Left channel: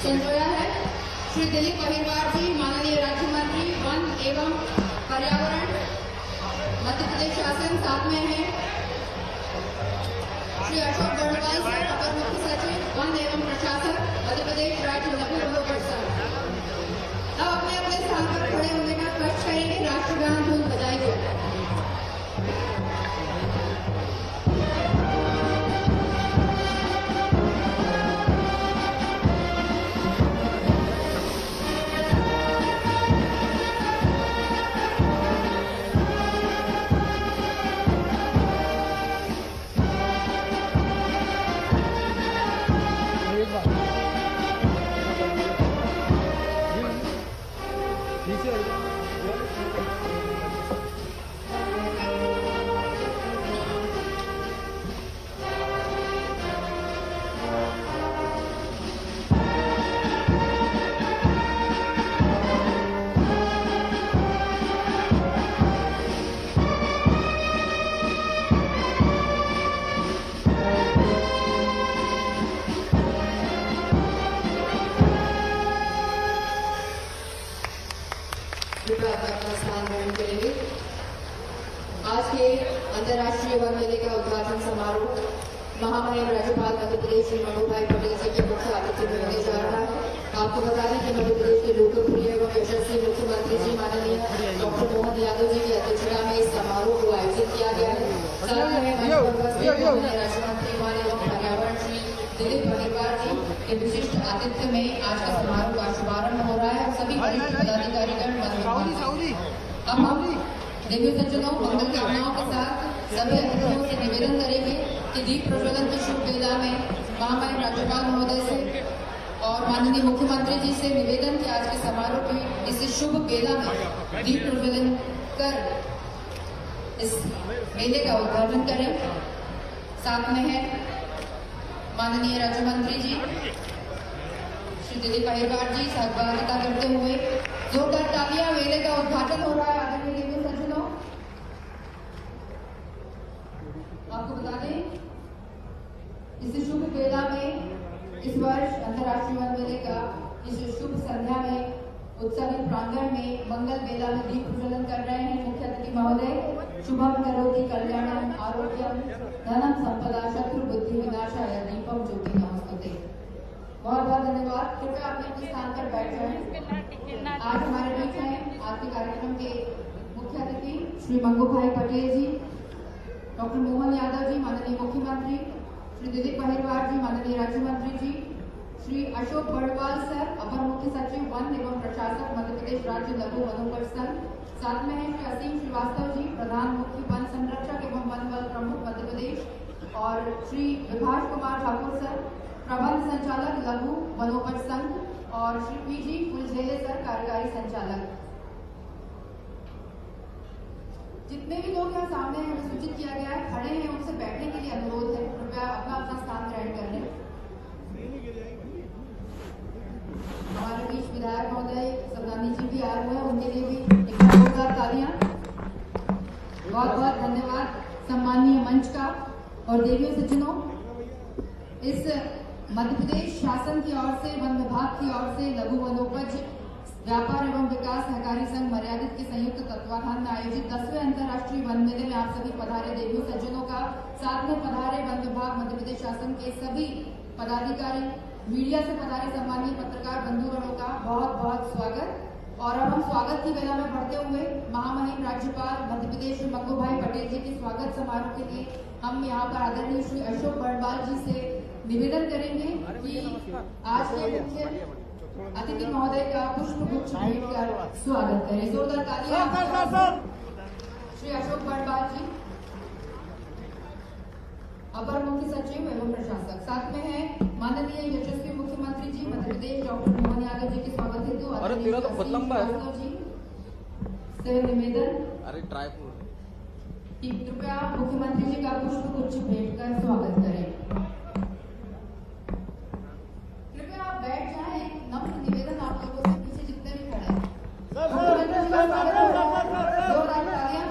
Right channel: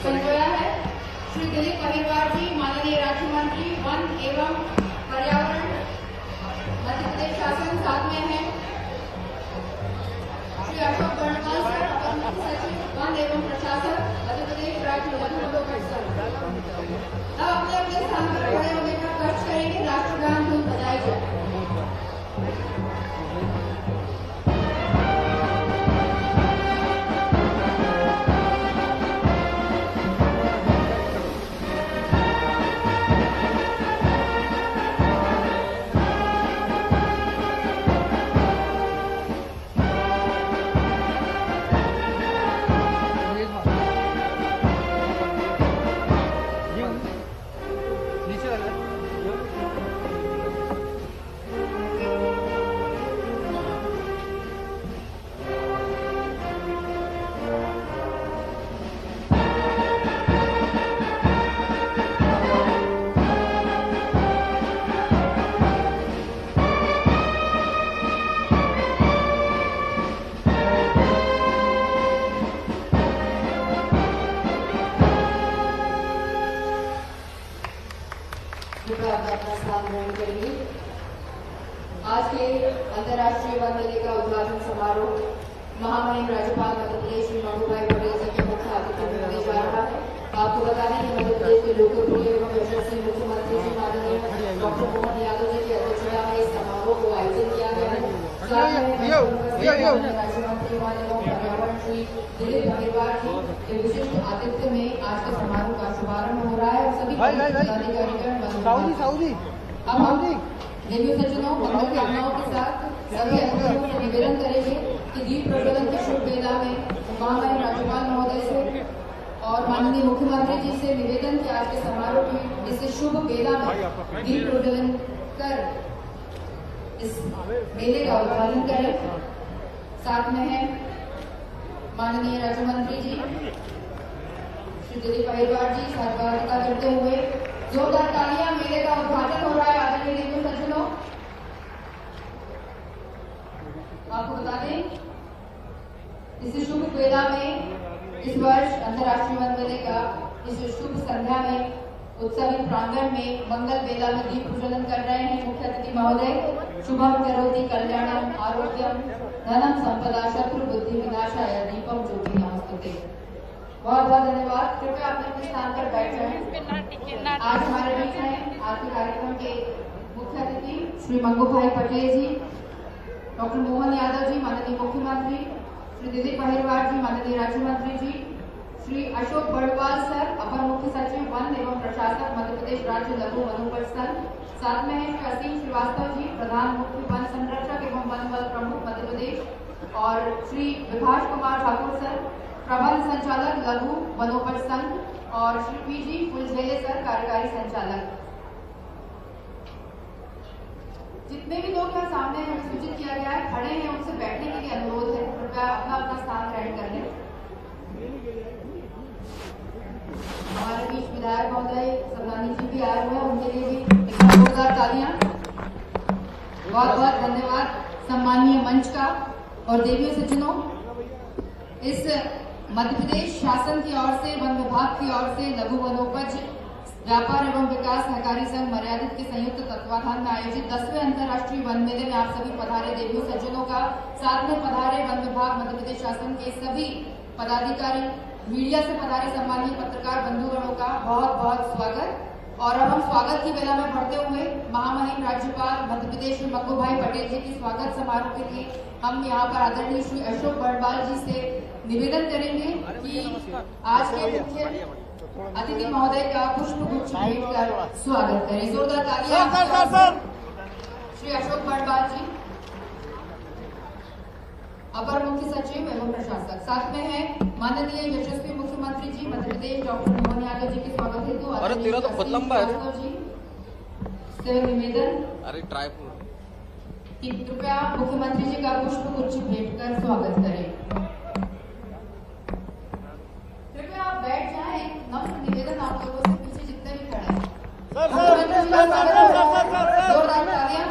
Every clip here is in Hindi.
संजोया है। श्री दिलीप अहिरवार जी माननीय राज्य मंत्री वन एवं पर्यावरण मध्य प्रदेश शासन साथ में है। श्री अशोक गणपाल सर अपर मुख्य सचिव वन एवं प्रशासन मध्य प्रदेश राज्य लघु उद्योग संघ। अब अपने अपने स्थान पर खड़े होने का कष्ट करेंगे। राष्ट्रगान धुन बजाई जाए। अपना स्थान ग्रहण करेंगे। आज के अंतर्राष्ट्रीय वन मेले का उद्घाटन समारोह महामहिम राज्यपाल मध्य प्रदेश श्री मंगूभाई पटेल जी के मुख्य आतिथ्य में होने जा रहा है। आपको बता दें कि मध्य प्रदेश के लोकप्रिय एवं यशस्वी मुख्यमंत्री जी माननीय डॉक्टर मोहन यादव जी की अध्यक्षता में इस समारोह को आयोजित किया गया है। साथ में राज्य मंत्री वन एवं पर्यावरण श्री दिलीप अहिरवार जी के विशिष्ट आतिथ्य में आज का समारोह का शुभारंभ हो रहा है और सभी पदाधिकारीगण अब हम देवी सज्जनों मंगल कामनाओं के साथ सभी अतिथियों से निवेदन करेंगे कि दीप प्रज्वलन की शुभ वेला में महामहिम राज्यपाल महोदय से और माननीय मुख्यमंत्री जी से निवेदन कि आज के समारोह की इस शुभ बेला में दीप प्रज्वलन कर इस मेले का उद्घाटन करें। साथ में है माननीय राज्य मंत्री जी श्री दिलीप अहिरवार जी सहभागिता करते हुए जोरदार तालियां। मेले का उद्घाटन हो रहा है। आदरणीय हिंदू सज्जनों, आपको बता दें इस शुभ बेला में इस वर्ष अंतर्राष्ट्रीय वन मेले का इस शुभ संध्या में उत्सवी प्रांगण में मंगल बेला में दीप प्रज्वलन कर रहे हैं मुख्य अतिथि महोदय। शुभम करोति कल्याणम आरोग्यम धनम संपदा शत्रु बुद्धि विनाशाय दीपम ज्योति नमस्ते। बहुत बहुत धन्यवाद। कृपया अपने स्थान पर बैठ जाएं। आज हमारे बीच हैं आज के कार्यक्रम के मुख्य अतिथि श्री मंगू भाई पटेल जी, डॉक्टर मोहन यादव जी माननीय मुख्यमंत्री, श्री दिलीप अहिरवार जी माननीय राज्य मंत्री जी, श्री अशोक बड़वाल सर अपर मुख्य सचिव वन एवं प्रशासक मध्य प्रदेश राज्य लघु वनोपज संघ, साथ में है श्री असीम श्रीवास्तव जी प्रधान मुख्य वन संरक्षक एवं वन बल प्रमुख मध्य प्रदेश, और श्री विभाष कुमार ठाकुर सर प्रबंध संचालक लघु वनोपज संघ, और श्री पीजी फुलझेले सर कार्यकारी संचालक। जितने भी लोग यहाँ सामने हैं हमें सूचित किया गया है खड़े हैं उनसे बैठने के लिए अनुरोध है। कृपया अपना अपना स्थान ग्रहण कर लें। हमारे बीच विधायक महोदय सदानी जी भी आए हुए हैं, उनके लिए भी जोरदार तालियां। बहुत बहुत धन्यवाद सम्मानीय मंच का। और देवियों सज्जनों, इस मध्य प्रदेश शासन की ओर से वन विभाग की ओर से लघु वनोपज व्यापार एवं विकास सहकारी संघ मर्यादित के संयुक्त तत्वाधान में आयोजित 10वें अंतर्राष्ट्रीय वन मेले में आप सभी पधारे देवियों सज्जनों का, साथ में पधारे वन विभाग मध्य प्रदेश शासन के सभी पदाधिकारी, मीडिया से पधारे सम्मानीय पत्रकार बंधुगणों का बहुत बहुत स्वागत। और अब हम स्वागत की बेला में बढ़ते हुए महामहिम राज्यपाल मध्य प्रदेश श्री मंगू भाई पटेल जी के स्वागत समारोह के लिए हम यहाँ पर आदरणीय श्री अशोक बड़वाल जी से निवेदन करेंगे कि आज के मुख्य अतिथि महोदय का पुष्प गुच्छ भेंट कर स्वागत करें। जोरदार तालियां। श्री अशोक बड़वाल जी अपर मुख्य सचिव एवं प्रशासक, साथ में है माननीय यशस्वी मुख्यमंत्री जी मध्य प्रदेश डॉक्टर मोहन यादव जी के स्वागत हेतु से निवेदन कि कृपया मुख्यमंत्री जी का पुष्प गुच्छ भेंट कर स्वागत करें। कृपया आप बैठ जाएं। एक नम्र निवेदन आप लोगों से, पीछे जितने भी खड़े हैं जोरदार तालियां।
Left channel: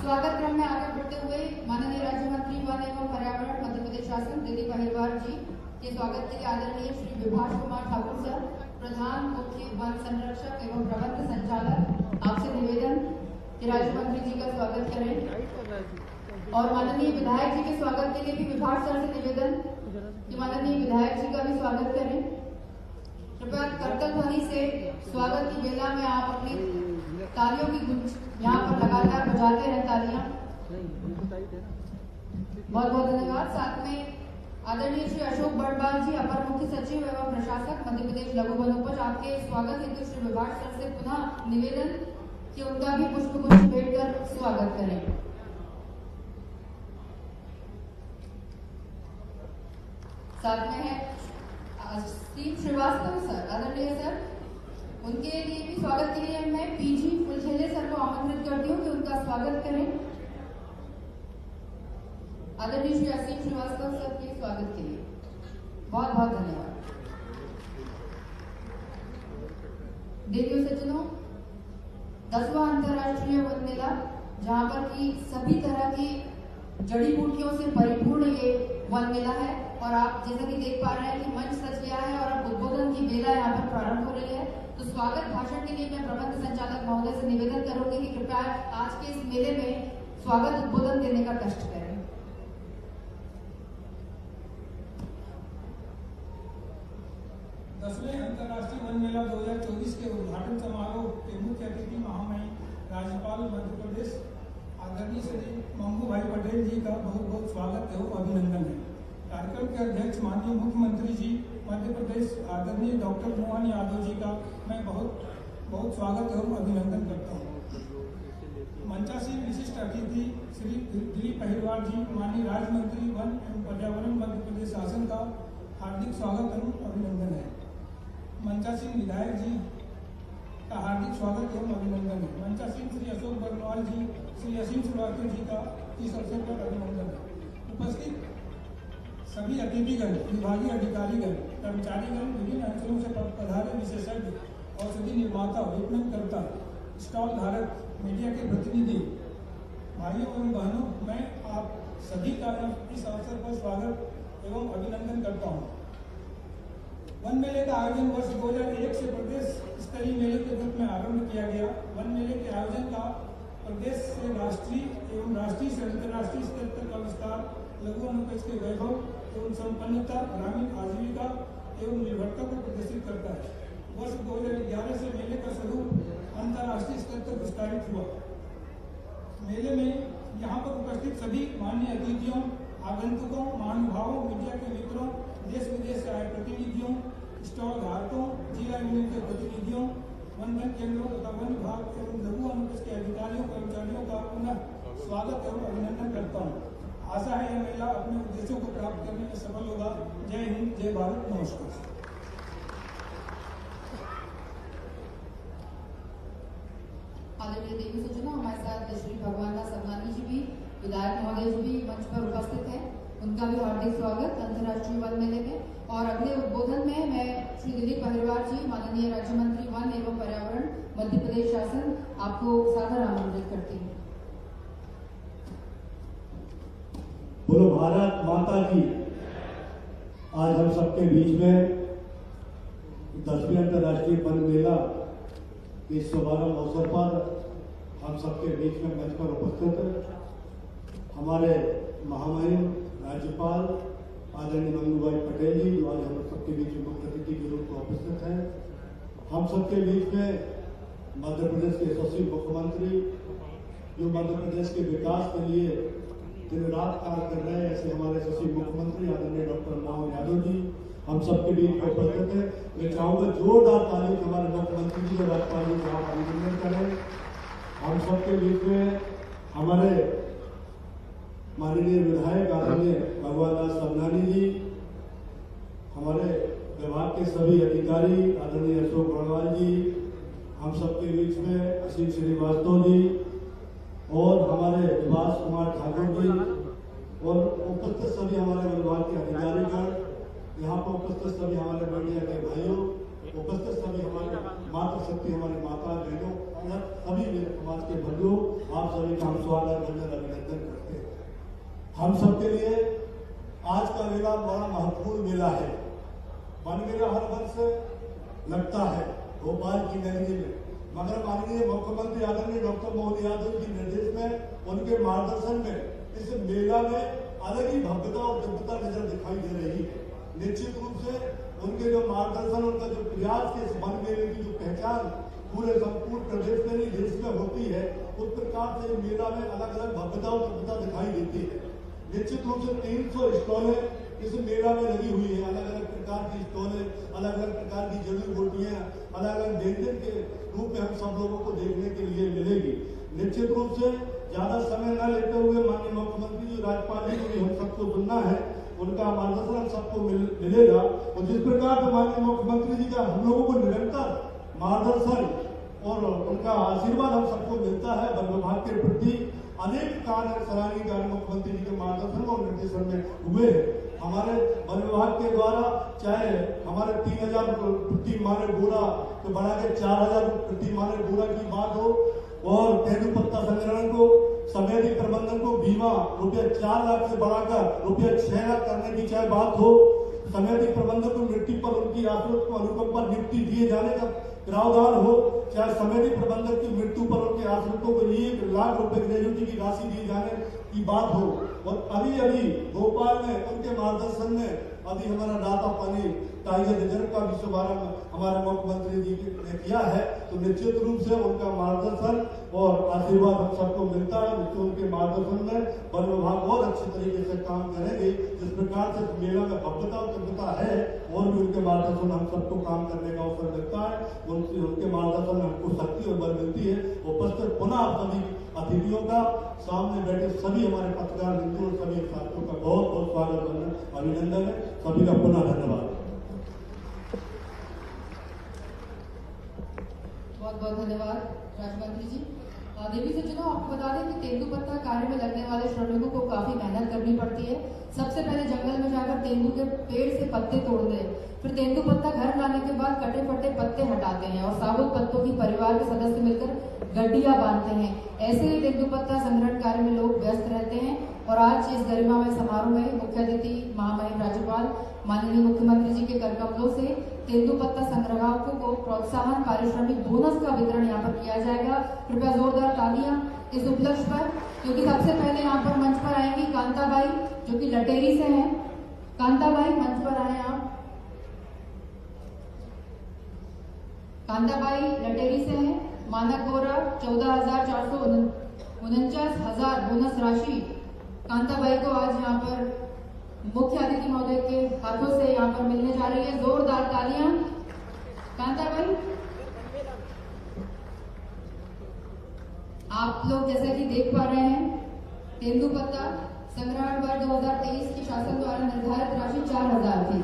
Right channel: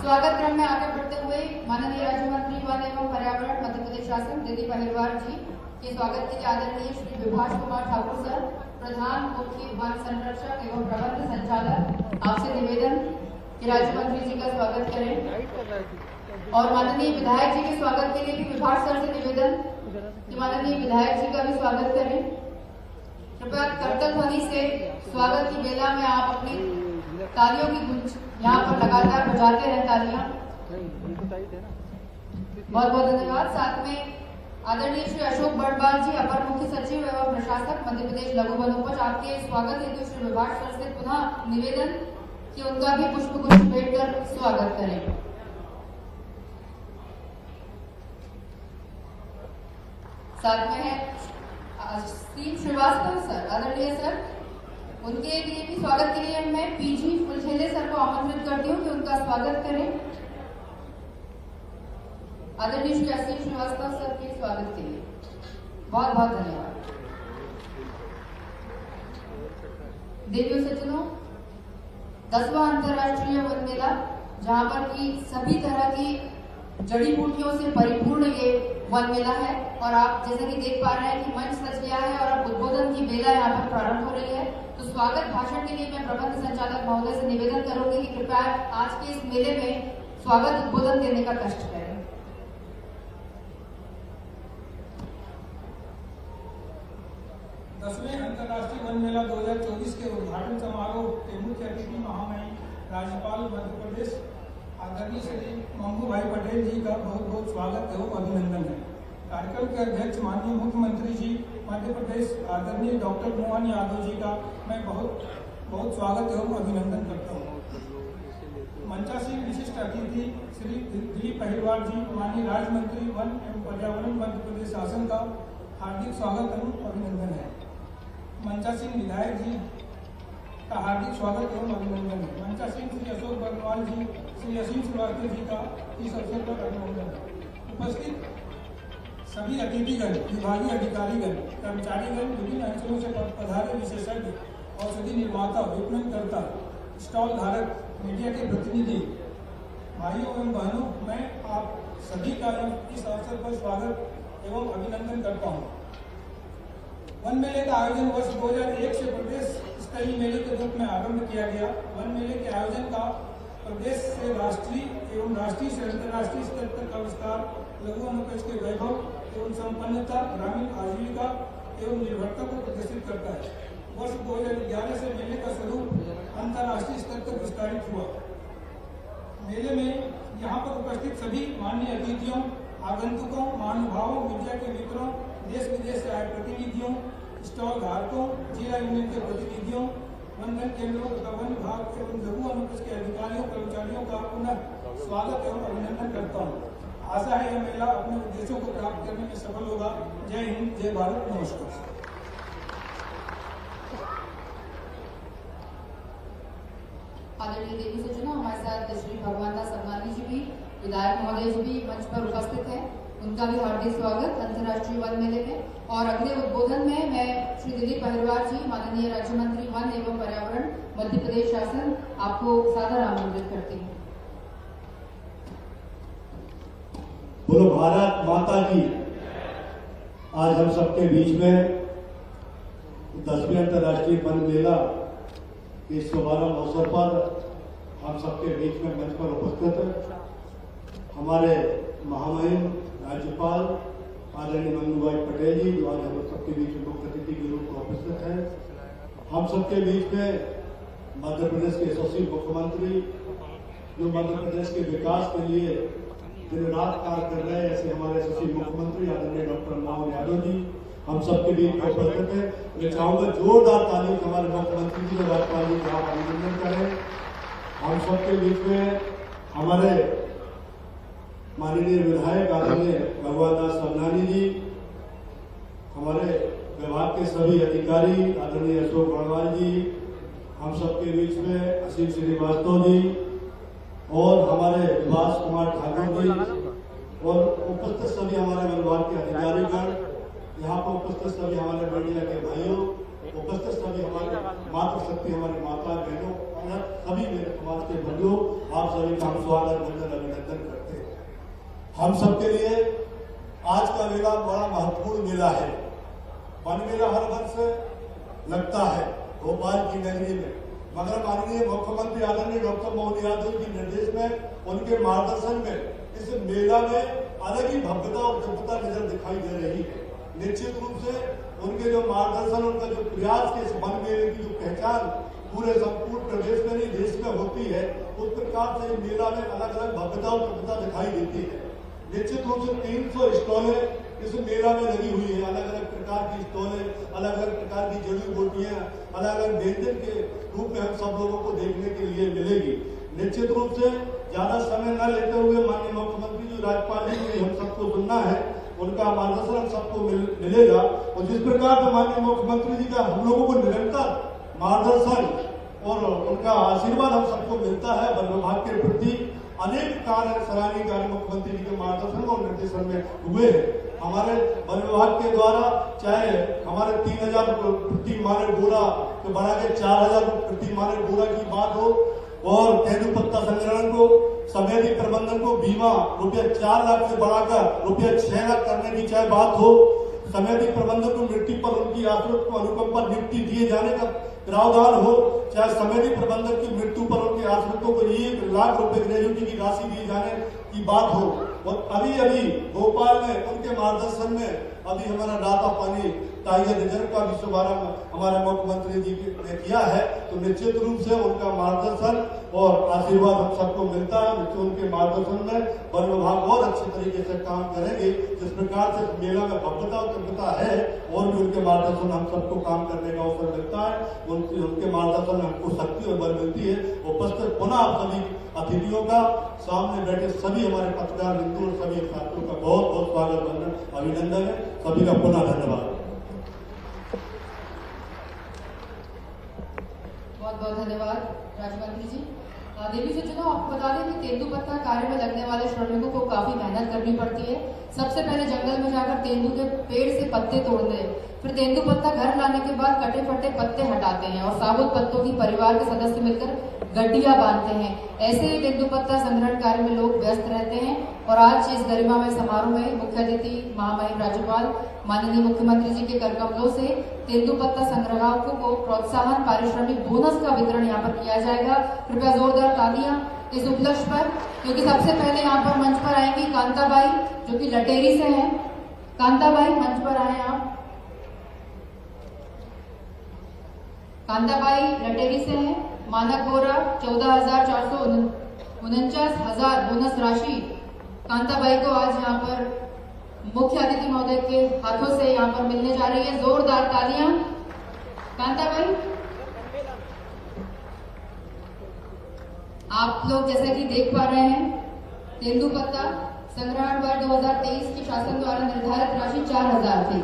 स्वागत क्रम में आगे बढ़ते हुए माननीय राज्य मंत्री वन एवं पर्यावरण मध्य प्रदेश शासन दिलीप अहिरवार जी के स्वागत के लिए आदरणीय श्री विभाष कुमार ठाकुर सर प्रधान मुख्य वन संरक्षक एवं प्रबंध संचालक, आपसे निवेदन कि राज्य मंत्री जी का स्वागत करें। और माननीय विधायक जी के स्वागत के लिए भी विभाष सर से निवेदन कि माननीय विधायक जी का भी स्वागत करें। कृपया करतल ध्वनि से स्वागत की बेला में आप अपनी तालियों की गूंज यहाँ पर लगातार बजाते रहे तालियां। बहुत बहुत धन्यवाद। साथ में आदरणीय श्री अशोक बड़वाल जी अपर मुख्य सचिव एवं प्रशासक मध्य प्रदेश लघु वनोपज, आपके स्वागत हेतु श्री विभाष सर से पुनः निवेदन कि उनका भी पुष्प गुच्छ भेंट कर स्वागत करें। साथ में है असीम श्रीवास्तव सर, आदरणीय सर, उनके लिए भी स्वागत के लिए मैं पीजी फुलझेले सर को आमंत्रित करती हूँ कि उनका स्वागत करें। आदरणीय श्री असीम श्रीवास्तव सर के स्वागत के लिए बहुत बहुत धन्यवाद। देवियों सज्जनों, 10वां अंतर्राष्ट्रीय वन मेला, जहां पर की सभी तरह की जड़ी बूटियों से परिपूर्ण ये वन मेला है, और आप जैसा कि देख पा रहे हैं कि मंच सज गया है और अब उद्बोधन की बेला यहाँ पर प्रारंभ हो रही है। तो स्वागत भाषण के लिए मैं प्रबंध संचालक महोदय से निवेदन करूंगी कि कृपया आज के इस मेले में स्वागत उद्बोधन देने का कष्ट करें। अंतर्राष्ट्रीय वन मेला 2024 के उद्घाटन समारोह के मुख्य अतिथि महामहिम राज्यपाल मध्य प्रदेश आदरणीय श्री मंगू भाई पटेल जी का बहुत बहुत स्वागत एवं अभिनंदन है। कार्यक्रम के अध्यक्ष माननीय मुख्यमंत्री जी मध्य प्रदेश आदरणीय डॉक्टर मोहन यादव जी का मैं बहुत बहुत स्वागत एवं अभिनंदन करता हूँ। मंचासीन विशिष्ट अतिथि श्री दिलीप अहिरवार जी माननीय राज्य मंत्री वन एवं पर्यावरण मध्य प्रदेश शासन का, हार्दिक स्वागत एवं अभिनंदन है। मंचा सिंह विधायक जी का हार्दिक स्वागत एवं अभिनंदन है। मंचा सिंह श्री अशोक बर्नवाल जी, श्री असीम श्रीवास्तव जी का इस अवसर पर अभिनंदन है। उपस्थित सभी अतिथिगण, विभागीय अधिकारीगण, कर्मचारीगण, विभिन्न अंचलों से पधारे विशेषज्ञ, औषधि निर्माता, विपणनकर्ता, स्टॉल धारक, मीडिया के प्रतिनिधि, भाइयों एवं बहनों, मैं आप सभी का इस अवसर पर स्वागत एवं अभिनंदन करता हूँ। वन मेले का आयोजन वर्ष 2001 से प्रदेश स्तरीय मेले के रूप में आरंभ किया गया। वन मेले के आयोजन का प्रदेश से राष्ट्रीय एवं राष्ट्रीय से अंतर्राष्ट्रीय स्तर तक का विस्तार लघु वनोपज के वैभव एवं संपन्नता, ग्रामीण आजीविका एवं निर्भरता को प्रदर्शित करता है। वर्ष 2011 से मेले का स्वरूप अंतर्राष्ट्रीय स्तर तक विस्तारित हुआ। मेले में यहाँ पर उपस्थित सभी माननीय अतिथियों, आगंतुकों, महानुभावों, मीडिया के मित्रों, देश विदेश से आए प्रतिनिधियों, स्टॉल धारकों, जिला यूनियन के प्रतिनिधियों, वनधन केंद्रों तथा वन विभाग एवं लघु वनोपज के अधिकारियों, कर्मचारियों का पुनः स्वागत एवं अभिनंदन करता हूँ। आशा है यह मेला अपने उद्देश्यों को प्राप्त करने में सफल होगा। जय हिंद, जय भारत, नमस्कार। आदरणीय देवी सज्जनों, हमारे साथ श्री भगवान दास अवनानी जी भी, विधायक महोदय जी भी मंच पर उपस्थित हैं। उनका भी हार्दिक स्वागत अंतर्राष्ट्रीय वन मेले में। और अगले उद्बोधन में मैं श्री दिलीप अहिरवार जी, माननीय राज्य मंत्री वन एवं पर्यावरण, मध्य प्रदेश शासन, आपको सादर आमंत्रित करती हूँ। बोलो भारत माता की। आज हम सबके बीच में 10वीं अंतर्राष्ट्रीय वन मेला के शुभारंभ अवसर पर हम सबके बीच में मंच पर उपस्थित हमारे महामहिम राज्यपाल आदरणीय मंगू भाई पटेल जी, जो आज हम सबके बीच में मुख्य अतिथि के रूप में उपस्थित हैं। हम सबके बीच में मध्य प्रदेश के यशस्वी मुख्यमंत्री, जो मध्य प्रदेश के विकास के लिए दिन रात कार्य कर रहे हैं, ऐसे हमारे यशस्वी मुख्यमंत्री आदरणीय डॉक्टर मोहन यादव जी हम सबके बीच में उपस्थित है। मैं चाहूंगा जोरदार ताली हमारे मुख्यमंत्री जी और राज्यपाल जी का अभिनंदन करें। हम सबके बीच में हमारे माननीय विधायक आदरणीय भगवान दास अवनानी जी, हमारे विभाग के सभी अधिकारी आदरणीय अशोक बर्नवाल जी, हम सबके बीच में असीम श्रीवास्तव जी और हमारे विभास कुमार ठाकुर जी और उपस्थित सभी हमारे विभाग के अधिकारीगण, यहाँ पर उपस्थित सभी हमारे मीडिया के भाइयों, उपस्थित सभी हमारे मातृशक्ति, हमारी माता बहनों और सभी मेरे समाज के बंधुओं, आप सभी का हम स्वागत अभिनंदन करते हैं। हम सबके लिए आज का मेला बड़ा महत्वपूर्ण मेला है। वन मेला हर वर्ष लगता है भोपाल की नगरी में, मगर माननीय मुख्यमंत्री आदरणीय डॉक्टर मोहन यादव के निर्देश में, उनके मार्गदर्शन में इस मेला में अलग ही भव्यता और दिव्यता नजर दिखाई दे रही है। निश्चित रूप से उनके जो मार्गदर्शन, उनका जो प्रयास के इस वन मेले की जो पहचान पूरे संपूर्ण प्रदेश में नहीं देश में होती है, उस प्रकार से मेला में अलग अलग भव्यता और दिव्यता दिखाई देती है। निश्चित रूप से 300 स्टॉलें इस मेला में लगी हुई है। अलग अलग प्रकार की स्टॉलें, अलग अलग प्रकार की जड़ी बूटियां, अलग अलग व्यंजन के रूप में हम सब लोगों को देखने के लिए मिलेगी। निश्चित रूप से ज्यादा समय न लेते हुए माननीय मुख्यमंत्री जी, राज्यपाल जी को हम सबको सुनना है, उनका मार्गदर्शन हम सबको मिलेगा। और जिस प्रकार से माननीय मुख्यमंत्री जी का हम लोगों को निरंतर मार्गदर्शन और उनका आशीर्वाद हम सबको मिलता है, वन विभाग के प्रति अनेक कार्य, सराहनीय कार्य मुख्यमंत्री जी के मार्गदर्शन और निर्देशन में हुए हैं। हमारे वन विभाग के द्वारा चाहे हमारे 3000 प्रति माने बोरा को बढ़ा के 4000 प्रति माने बोरा की बात हो, और तेंदुपत्ता संग्रहण को, समेधी प्रबंधन को बीमा रुपया 4 लाख से बढ़ाकर रुपया 6 लाख करने की चाहे बात हो, समेधी प्रबंधन को मृत्यु पर उनकी आश्रित को अनुकंपा नियुक्ति दिए जाने का प्रावधान हो, चाहे समेधी प्रबंधक की मृत्यु पर उनके आश्रितों को 1 लाख रुपए ग्रेजुटी की राशि दिए जाने की बात हो। और अभी अभी भोपाल में उनके मार्गदर्शन में अभी हमारा दाता पानी टाइगर रिजर्व का भी शुभारंभ हमारे मुख्यमंत्री जी ने किया है। तो निश्चित रूप से उनका मार्गदर्शन और आशीर्वाद हम सबको मिलता है। उनके मार्गदर्शन में वन विभाग और अच्छे तरीके से काम करेंगे। जिस प्रकार से मेला में भव्यता और दिव्यता है, और भी उनके मार्गदर्शन हम सबको काम करने का अवसर मिलता है। उनके मार्गदर्शन में हमको शक्ति और बल मिलती है। उपस्थित पुनः आप सभी अतिथियों का, सामने बैठे सभी हमारे पत्रकार मित्रों और सभी साथियों का बहुत बहुत स्वागत अभिनंदन है। सभी का पुनः धन्यवाद। बहुत बहुत धन्यवाद राज्य मंत्री जी। देवी सज्जनों, आपको बता दें कि तेंदुपत्ता कार्य में लगने वाले श्रमिकों को काफी मेहनत करनी पड़ती है। सबसे पहले जंगल में जाकर तेंदु के पेड़ से पत्ते तोड़ते हैं, फिर तेंदुपत्ता घर लाने के बाद कटे फटे पत्ते हटाते हैं और साबुत पत्तों की परिवार के सदस्य मिलकर गड्डियां बांधते हैं। ऐसे ही तेंदुपत्ता संग्रहण कार्य में लोग व्यस्त रहते हैं और आज इस गरिमामय समारोह में मुख्य अतिथि महामहिम राज्यपाल माननीय मुख्यमंत्री जी के करकमलों से तेंदुपत्ता संग्राहकों को प्रोत्साहन पारिश्रमिक बोनस का वितरण यहाँ पर किया जाएगा। कृपया जोरदार तालियां इस उपलक्ष्य पर, क्योंकि सबसे पहले यहाँ पर मंच पर आएंगी कांताबाई जो कि लटेरी से हैं। कांताबाई मंच पर आए आप। कांताबाई लटेरी से हैं। मानक बोरा 14,449 बोनस राशि कांताबाई को आज यहाँ पर मुख्य अतिथि महोदय के हाथों से यहाँ पर मिलने जा रही है। जोरदार तालियां कांताबाई। आप लोग जैसे कि देख पा रहे हैं, तेंदुपत्ता संग्रहण वर्ष 2023 की शासन द्वारा निर्धारित राशि 4,000 थी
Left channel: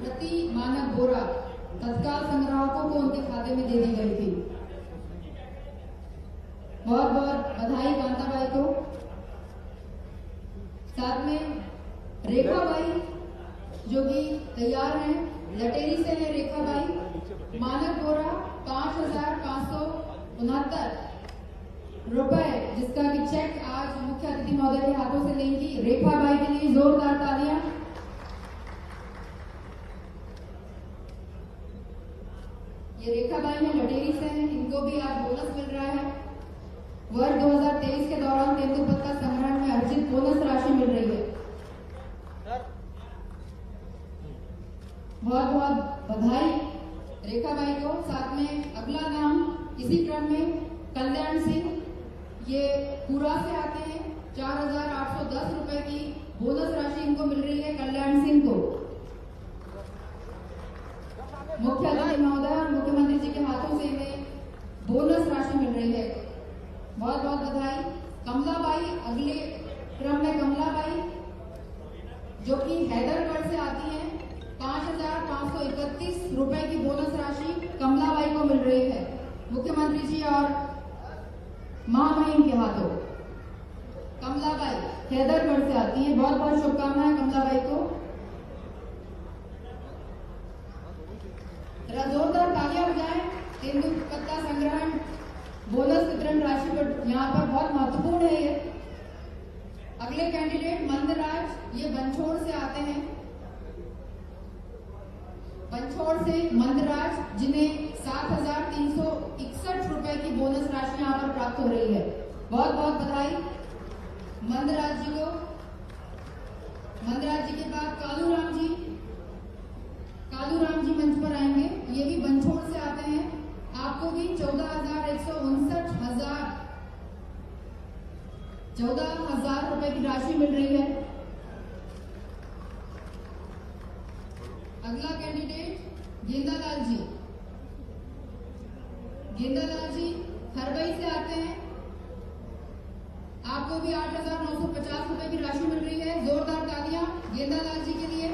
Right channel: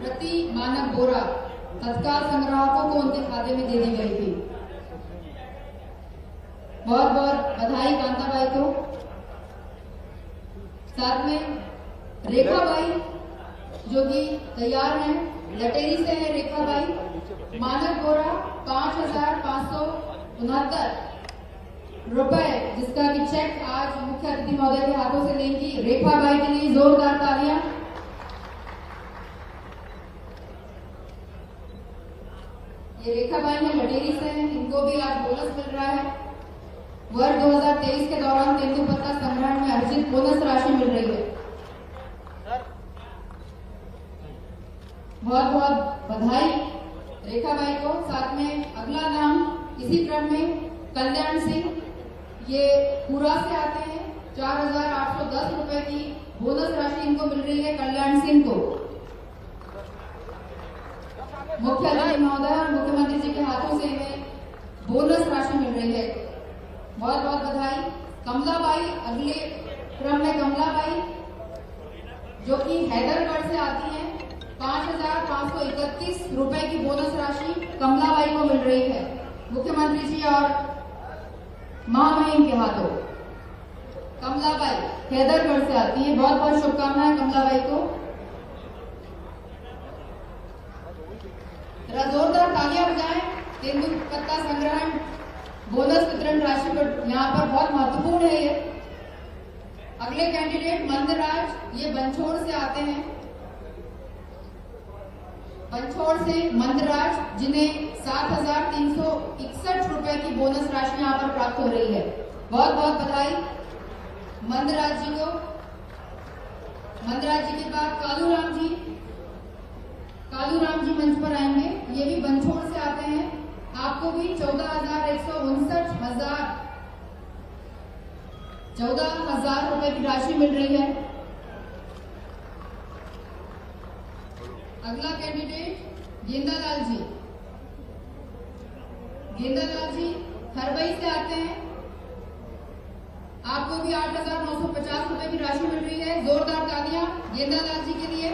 प्रति मानक बोरा। तत्काल संग्राहकों को उनके खाते में दे दी गई थी। बहुत बहुत बधाई कांताबाई को। साथ में रेखाबाई जो कि तैयार हैं, लटेरी से है रेखाबाई। मानक बोरा 5,569 रुपए जिसका कि चेक आज मुख्य अतिथि महोदय के हाथों से लेंगी। रेखाबाई के लिए जोरदार तालियां। ये रेखाबाई में लटेरी से हैं, इनको भी आज बोनस मिल रहा है। वर्ष 2023 के दौरान तेंदुपत्ता संग्रहण में अर्जित बोनस राशि मिल रही है। बहुत बहुत बधाई रेखाबाई को। साथ में अगला नाम इसी क्रम में कल्याण सिंह, ये पूरा से आते हैं। 4,810 रुपए की बोनस राशि इनको मिल रही है कल्याण सिंह को। मुख्य अतिथि महोदय और मुख्यमंत्री जी के हाथों से इन्हें बोनस राशि मिल रही है। बहुत बहुत बधाई। कमलाबाई अगले क्रम में कमलाबाई जो कि हैदरगढ़ से आती हैं। 5,531 रुपए की बोनस राशि कमलाबाई को मिल रही है मुख्यमंत्री जी और महामहिम के हाथों। कमलाबाई हैदरगढ़ से आती है। बहुत बहुत शुभकामनाएं कमलाबाई को। जोरदार तालियां बजाएं। तेंदुपत्ता संग्रहण बोनस वितरण राशि पर यहाँ पर बहुत महत्वपूर्ण है ये। अगले कैंडिडेट मंदराज, ये बंछोड़ से आते हैं। बंछोड़ से मंदराज जिन्हें 7,361 रुपए की बोनस राशि यहाँ पर प्राप्त हो रही है। बहुत बहुत बधाई मंदराज जी को। मंदराज जी के बाद कालूराम जी। कालूराम जी मंच पर आएंगे। ये भी बंछोड़ से आते हैं। आपको भी 14,000 रुपए की राशि मिल रही है। अगला कैंडिडेट गेंदालाल जी। गेंदालाल जी खरबई से आते हैं। आपको भी 8,950 रुपए की राशि मिल रही है। जोरदार तालियां गेंदालाल जी के लिए।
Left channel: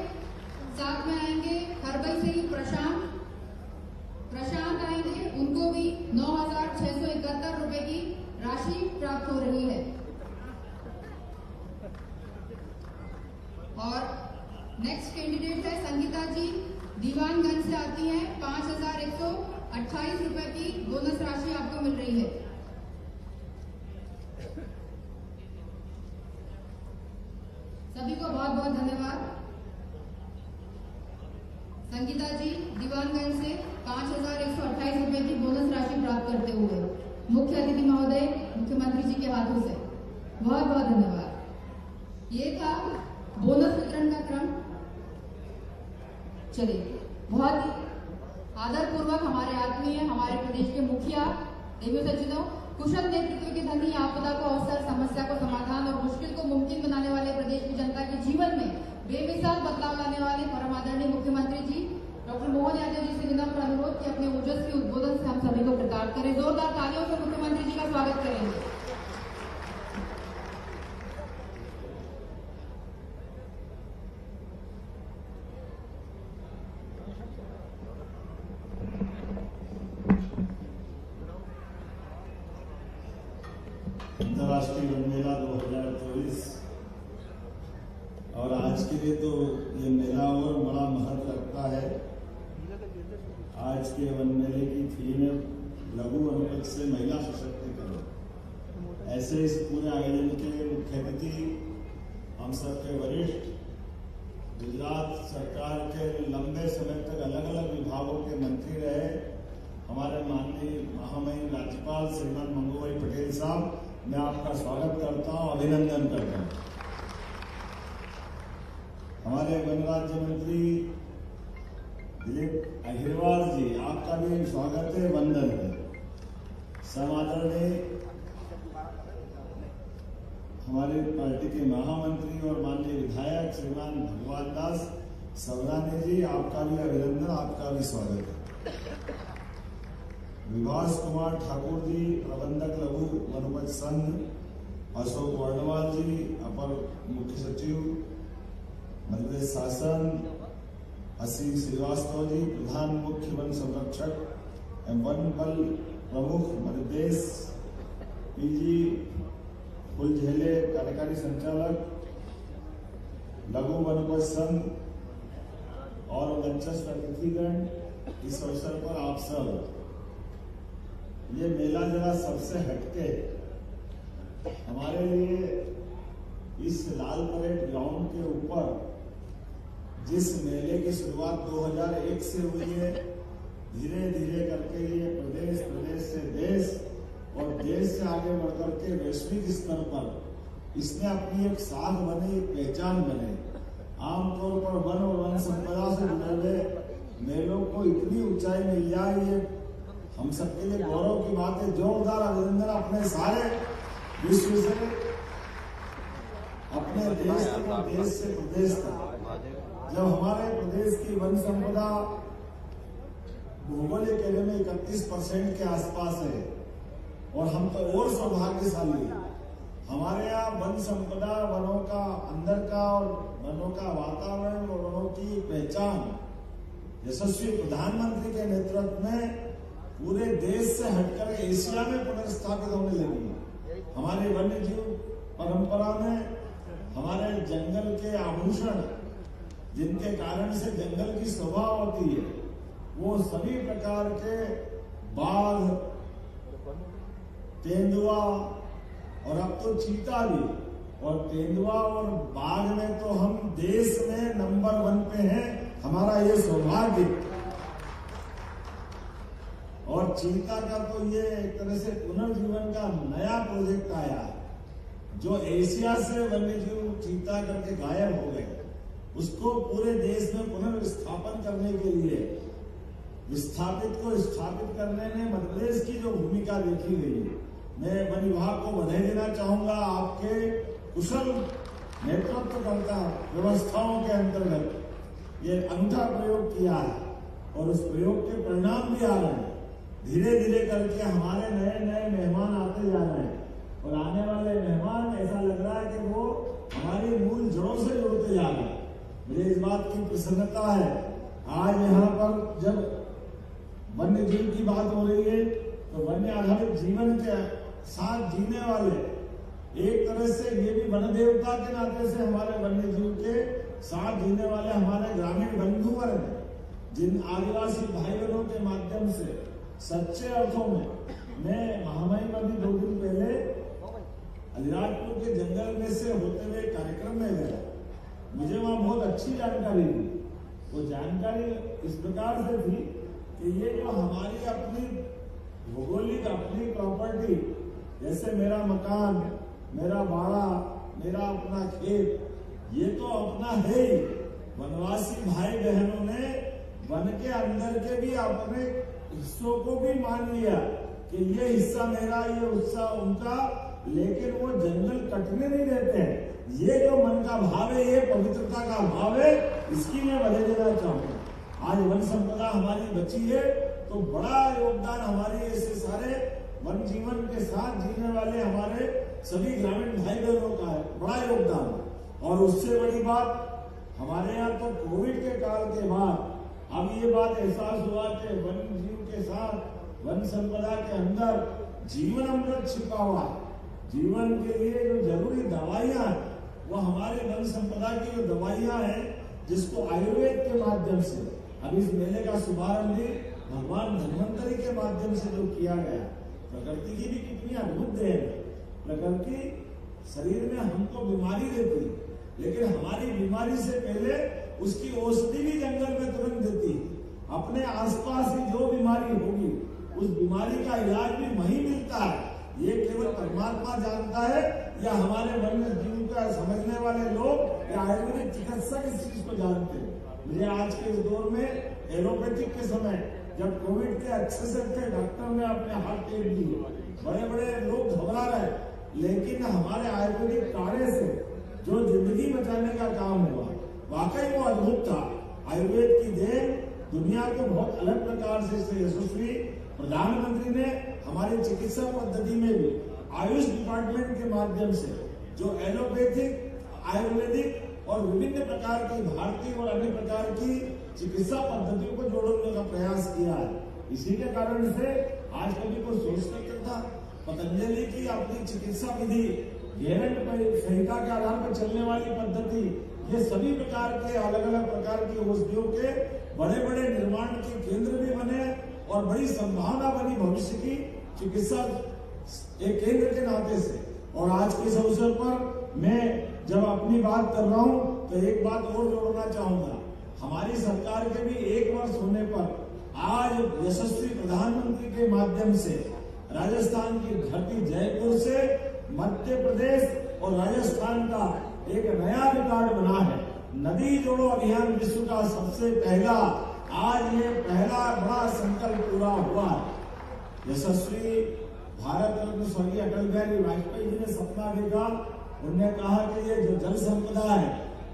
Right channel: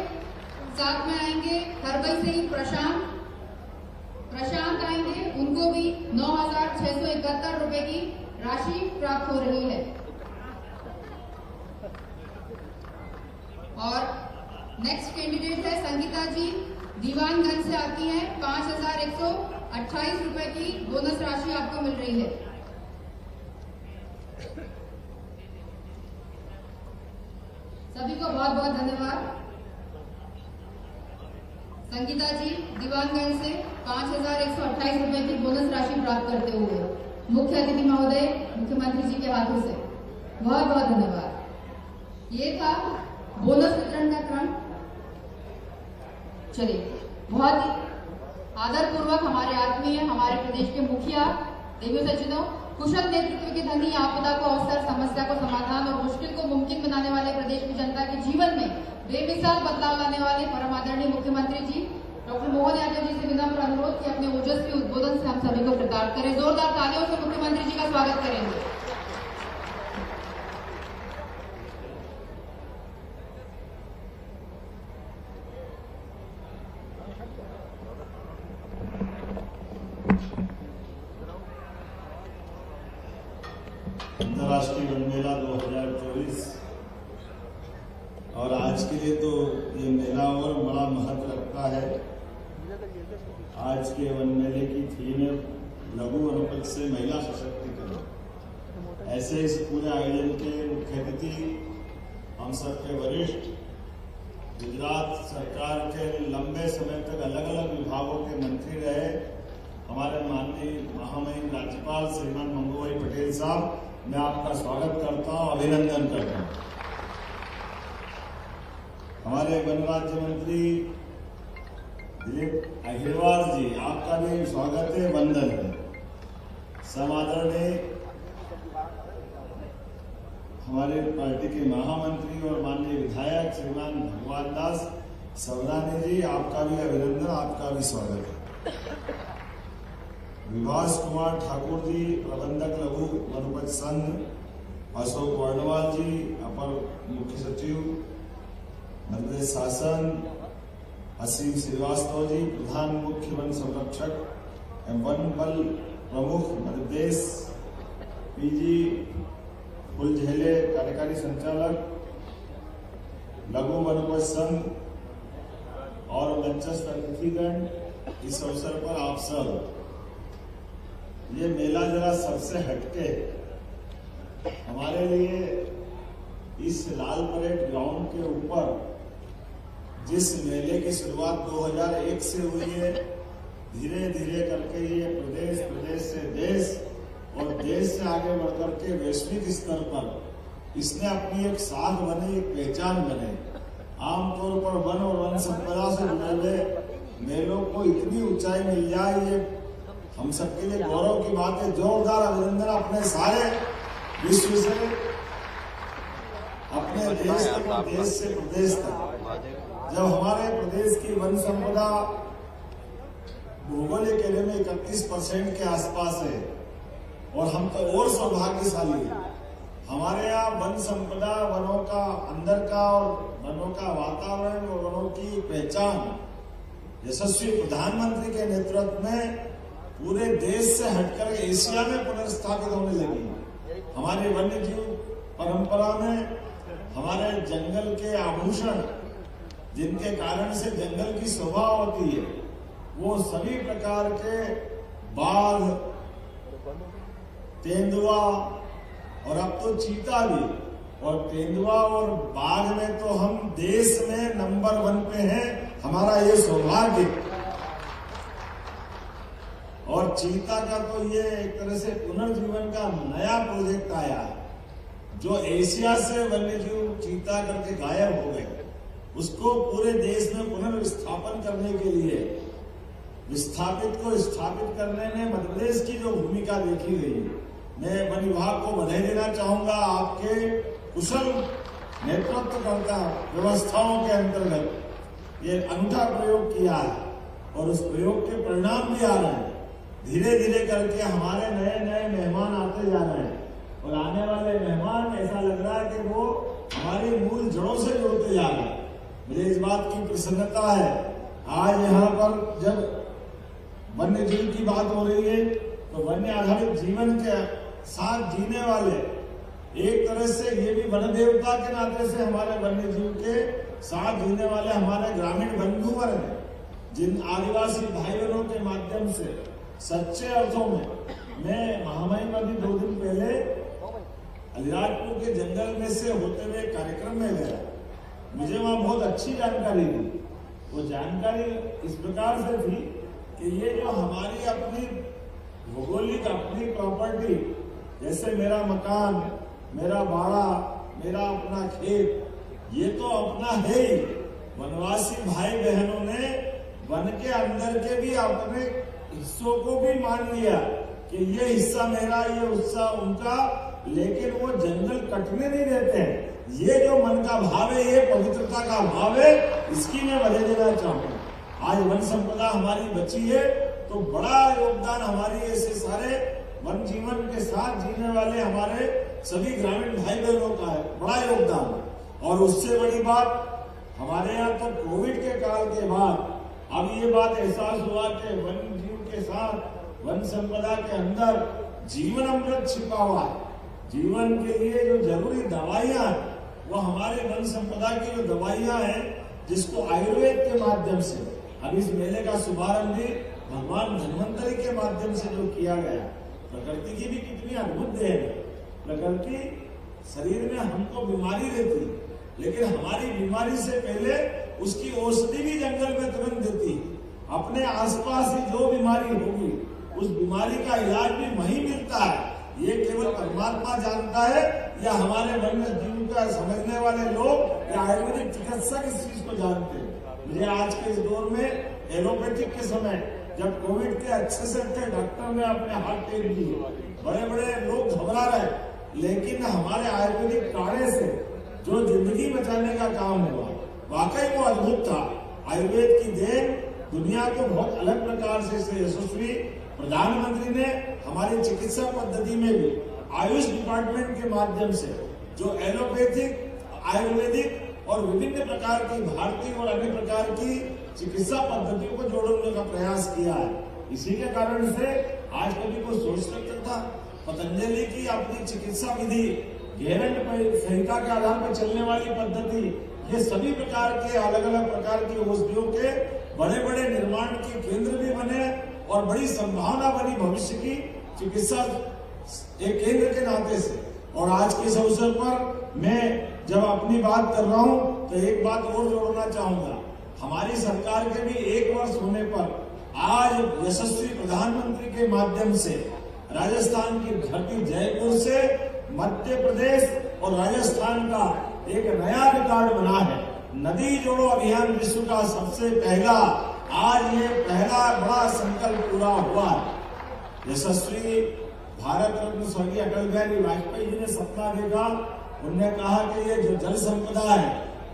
साथ में आएंगे खरबई से ही प्रशांत आएंगे। उनको भी 9,671 रुपए की राशि प्राप्त हो रही है। और नेक्स्ट कैंडिडेट है संगीता जी, दीवानगंज से आती हैं। 5,128 रुपए की बोनस राशि आपको मिल रही है। सभी को बहुत बहुत धन्यवाद। संगीता जी दीवानगंज से 5,128 रुपए की बोनस राशि प्राप्त करते हुए मुख्य अतिथि महोदय मुख्यमंत्री जी के हाथों से बहुत बहुत धन्यवाद। ये था बोनस वितरण का क्रम। चलिए, बहुत ही आदरपूर्वक हमारे आत्मीय हमारे प्रदेश के मुखिया देवी सज्जनों, कुशल नेतृत्व के धनी, आपदा को अवसर, समस्या को समाधान और मुश्किल को मुमकिन बनाने वाले प्रदेश की जनता के जीवन में बेमिसाल बदलाव लाने वाले परम आदरणीय मुख्यमंत्री जी डॉक्टर मोहन यादव जी से विनम्र अनुरोध कि अपने ओजस्वी उद्बोधन से हम सभी को कृतार्थ करें। जोरदार तालियों से मुख्यमंत्री जी का स्वागत करेंगे। अंतर्राष्ट्रीय वन मेला 2024 और आज के लिए तो ये मेला और बड़ा महत्व रखता है। आज के वन मेले की थीम है लघु वनोपज से महिला सशक्तिकरण। ऐसे इस पूरे आयोजन के मुख्य अतिथि हम सबके वरिष्ठ गुजरात सरकार के लंबे समय तक अलग अलग विभागों के मंत्री रहे हमारे माननीय महामहिम राज्यपाल श्रीमान मंगू भाई पटेल साहब, मैं आपका स्वागत करता हूं, अभिनंदन करता हूं। हमारे वन राज्य मंत्री दिलीप अहिरवार जी, आपका भी स्वागत है, वंदन है। समादरणीय हमारे पार्टी के महामंत्री और माननीय विधायक श्रीमान भगवान दास सवरानी जी, आपका भी अभिनंदन, आपका भी स्वागत है। विभास कुमार ठाकुर जी, प्रबंधक लघु वनोपज संघ, अशोक वर्णवाल जी, अपर मुख्य सचिव मध्य प्रदेश शासन, असीम श्रीवास्तव जी, प्रधान मुख्य वन संरक्षक एवं वन बल प्रमुख मध्य प्रदेश, पीजी फुलझेले कार्यकारी संचालक लघु वनोपज संघ और मंचस्थ अतिथिगण, इस अवसर पर आप सब, ये मेला जरा सबसे हटके हमारे लिए इस लाल परेड ग्राउंड के ऊपर जिस मेले की शुरुआत 2001 से हुई है, धीरे धीरे करके ये प्रदेश से देश और देश से आगे बढ़कर के वैश्विक स्तर पर इसने अपनी एक साख बने, एक पहचान बने। आमतौर पर वन और वन संपदा से जुड़े हुए मेलों को इतनी ऊंचाई मिल जाए, ये हम सबके लिए गौरव की बात है। जोरदार अभिनंदन अपने सारे विश्व से, अपने देश तक और देश से प्रदेश तक। जब हमारे प्रदेश की वन संपदा भौगोलिक एरिया में 31% के आसपास है और हम तो और सौभाग्यशाली हैं। हमारे यहाँ वन संपदा, वनों का अंदर का और वनों का वातावरण और वनों की पहचान यशस्वी प्रधानमंत्री के नेतृत्व में पूरे देश से हटकर एशिया में पुनर्स्थापित होने लगी है। हमारी वन्य जीव परंपरा में हमारे जंगल के आभूषण, जिनके कारण से जंगल की शोभा होती है, वो सभी प्रकार के बाघ, तेंदुआ और अब तो चीता भी, और तेंदुआ और बाघ में तो हम देश में नंबर 1 पे हैं। हमारा ये सौभाग्य। और चीता का तो ये एक तरह से पुनर्जीवन का नया प्रोजेक्ट आया है, जो एशिया से वन्यजीव चीता करके गायब हो गए, उसको पूरे देश में पुनर्विस्थापन करने के लिए, विस्थापित को स्थापित करने में मध्य प्रदेश की जो भूमिका देखी गई है, मैं वन विभाग को बधाई देना चाहूंगा। आपके कुशल नेतृत्वकर्ता व्यवस्थाओं के अंतर्गत ये अनूठा प्रयोग किया है और उस प्रयोग के परिणाम भी आ रहे हैं। धीरे धीरे करके हमारे नए नए मेहमान आते जा रहे हैं और आने वाले मेहमान ऐसा लग रहा है कि वो हमारी मूल जड़ों से जुड़ते जा रहे हैं। मुझे इस बात की प्रसन्नता है। आज यहाँ पर जब वन्य जीव की बात हो रही है तो वन्य आधारित जीवन के साथ जीने वाले, एक तरह से ये भी वन देवता के नाते से हमारे वन्य जीव के साथ जीने वाले हमारे ग्रामीण बंधुवर हैं, जिन आदिवासी भाई बहनों के माध्यम से सच्चे अर्थों में, मैं महामहिम अभी 2 दिन पहले अलीराजपुर के जंगल में से होते हुए कार्यक्रम में गया। मुझे वहां बहुत अच्छी जानकारी दी। वो जानकारी इस प्रकार से थी कि ये जो हमारी अपनी भौगोलिक अपनी प्रॉपर्टी, जैसे मेरा मकान, मेरा बाड़ा, मेरा अपना खेत, ये तो अपना है ही। वनवासी भाई बहनों ने वन के अंदर के भी अपने हिस्सों को भी मान लिया कि ये हिस्सा मेरा, ये हिस्सा उनका, लेकिन वो जंगल कटने नहीं देते हैं। ये जो मन का भाव है, ये पवित्रता का भाव है, इसकी मैं बधाई देना चाहूंगा। आज वन संपदा हमारी बची है तो बड़ा योगदान हमारी ऐसे सारे वन जीवन के साथ जीने वाले हमारे सभी ग्रामीण भाई बहनों का है, बड़ा योगदान। और उससे बड़ी बात, हमारे यहाँ तो कोविड के काल के बाद अब ये बात एहसास हुआ कि वन जीव के साथ वन संपदा के अंदर जीवन अमृत छिपा हुआ है। जीवन के लिए जो जरूरी दवाइयां हैं वो हमारे वन संपदा की जो दवाइयां हैं, जिसको आयुर्वेद के माध्यम से अब इस मेले का शुभारंभ भी भगवान धन्वंतरी के माध्यम से जो किया गया, प्रकृति की भी कितनी अद्भुत देन है। प्रकृति शरीर में हमको बीमारी देती, लेकिन हमारी बीमारी से पहले उसकी औषधि भी जंगल में तुरंत देती। अपने आसपास ही जो बीमारी होगी उस बीमारी का इलाज भी वहीं मिलता है। ये केवल परमात्मा जानता है या हमारे वन्य जीव का समझने वाले लोग या आयुर्वेदिक चिकित्सक इस चीज को जानते हैं। मुझे आज के इस दौर में एलोपैथिक के समय जब कोविड के अच्छे से थे, डॉक्टर ने अपने हाथ टेक दिए, बड़े बड़े लोग घबरा रहे, लेकिन हमारे आयुर्वेदिक काढ़े से जो जिंदगी बचाने का काम हुआ वाकई वो अद्भुत था। आयुर्वेद की देन दुनिया को बहुत अलग प्रकार से यशस्वी प्रधानमंत्री ने हमारी चिकित्सा पद्धति में भी आयुष डिपार्टमेंट के माध्यम से जो एलोपैथिक, आयुर्वेदिक और विभिन्न प्रकार की भारतीय और अन्य प्रकार की चिकित्सा पद्धतियों को जोड़ने का प्रयास किया है। इसी के कारण से आज कभी कोई सोच सकता था पतंजलि की अपनी चिकित्सा विधि, गैरंट संहिता के आधार पर चलने वाली पद्धति, ये सभी प्रकार के अलग अलग प्रकार की औषधियों के बड़े बड़े निर्माण के केंद्र भी बने और बड़ी संभावना बनी भविष्य की चिकित्सा एक केंद्र के नाते से। और आज के इस अवसर पर मैं जब अपनी बात कर रहा हूं तो एक बात और जोड़ना चाहूंगा। हमारी सरकार के भी 1 वर्ष होने पर आज यशस्वी प्रधानमंत्री के माध्यम से राजस्थान की धरती जयपुर से मध्य प्रदेश और राजस्थान का एक नया रिकॉर्ड बना है। नदी जोड़ो अभियान विश्व का सबसे पहला, आज ये पहला बड़ा संकल्प पूरा हुआ। यशस्वी भारत रत्न स्वर्गीय अटल बिहारी वाजपेयी जी ने सपना देखा। उन्होंने कहा कि ये जो जल संपदा है,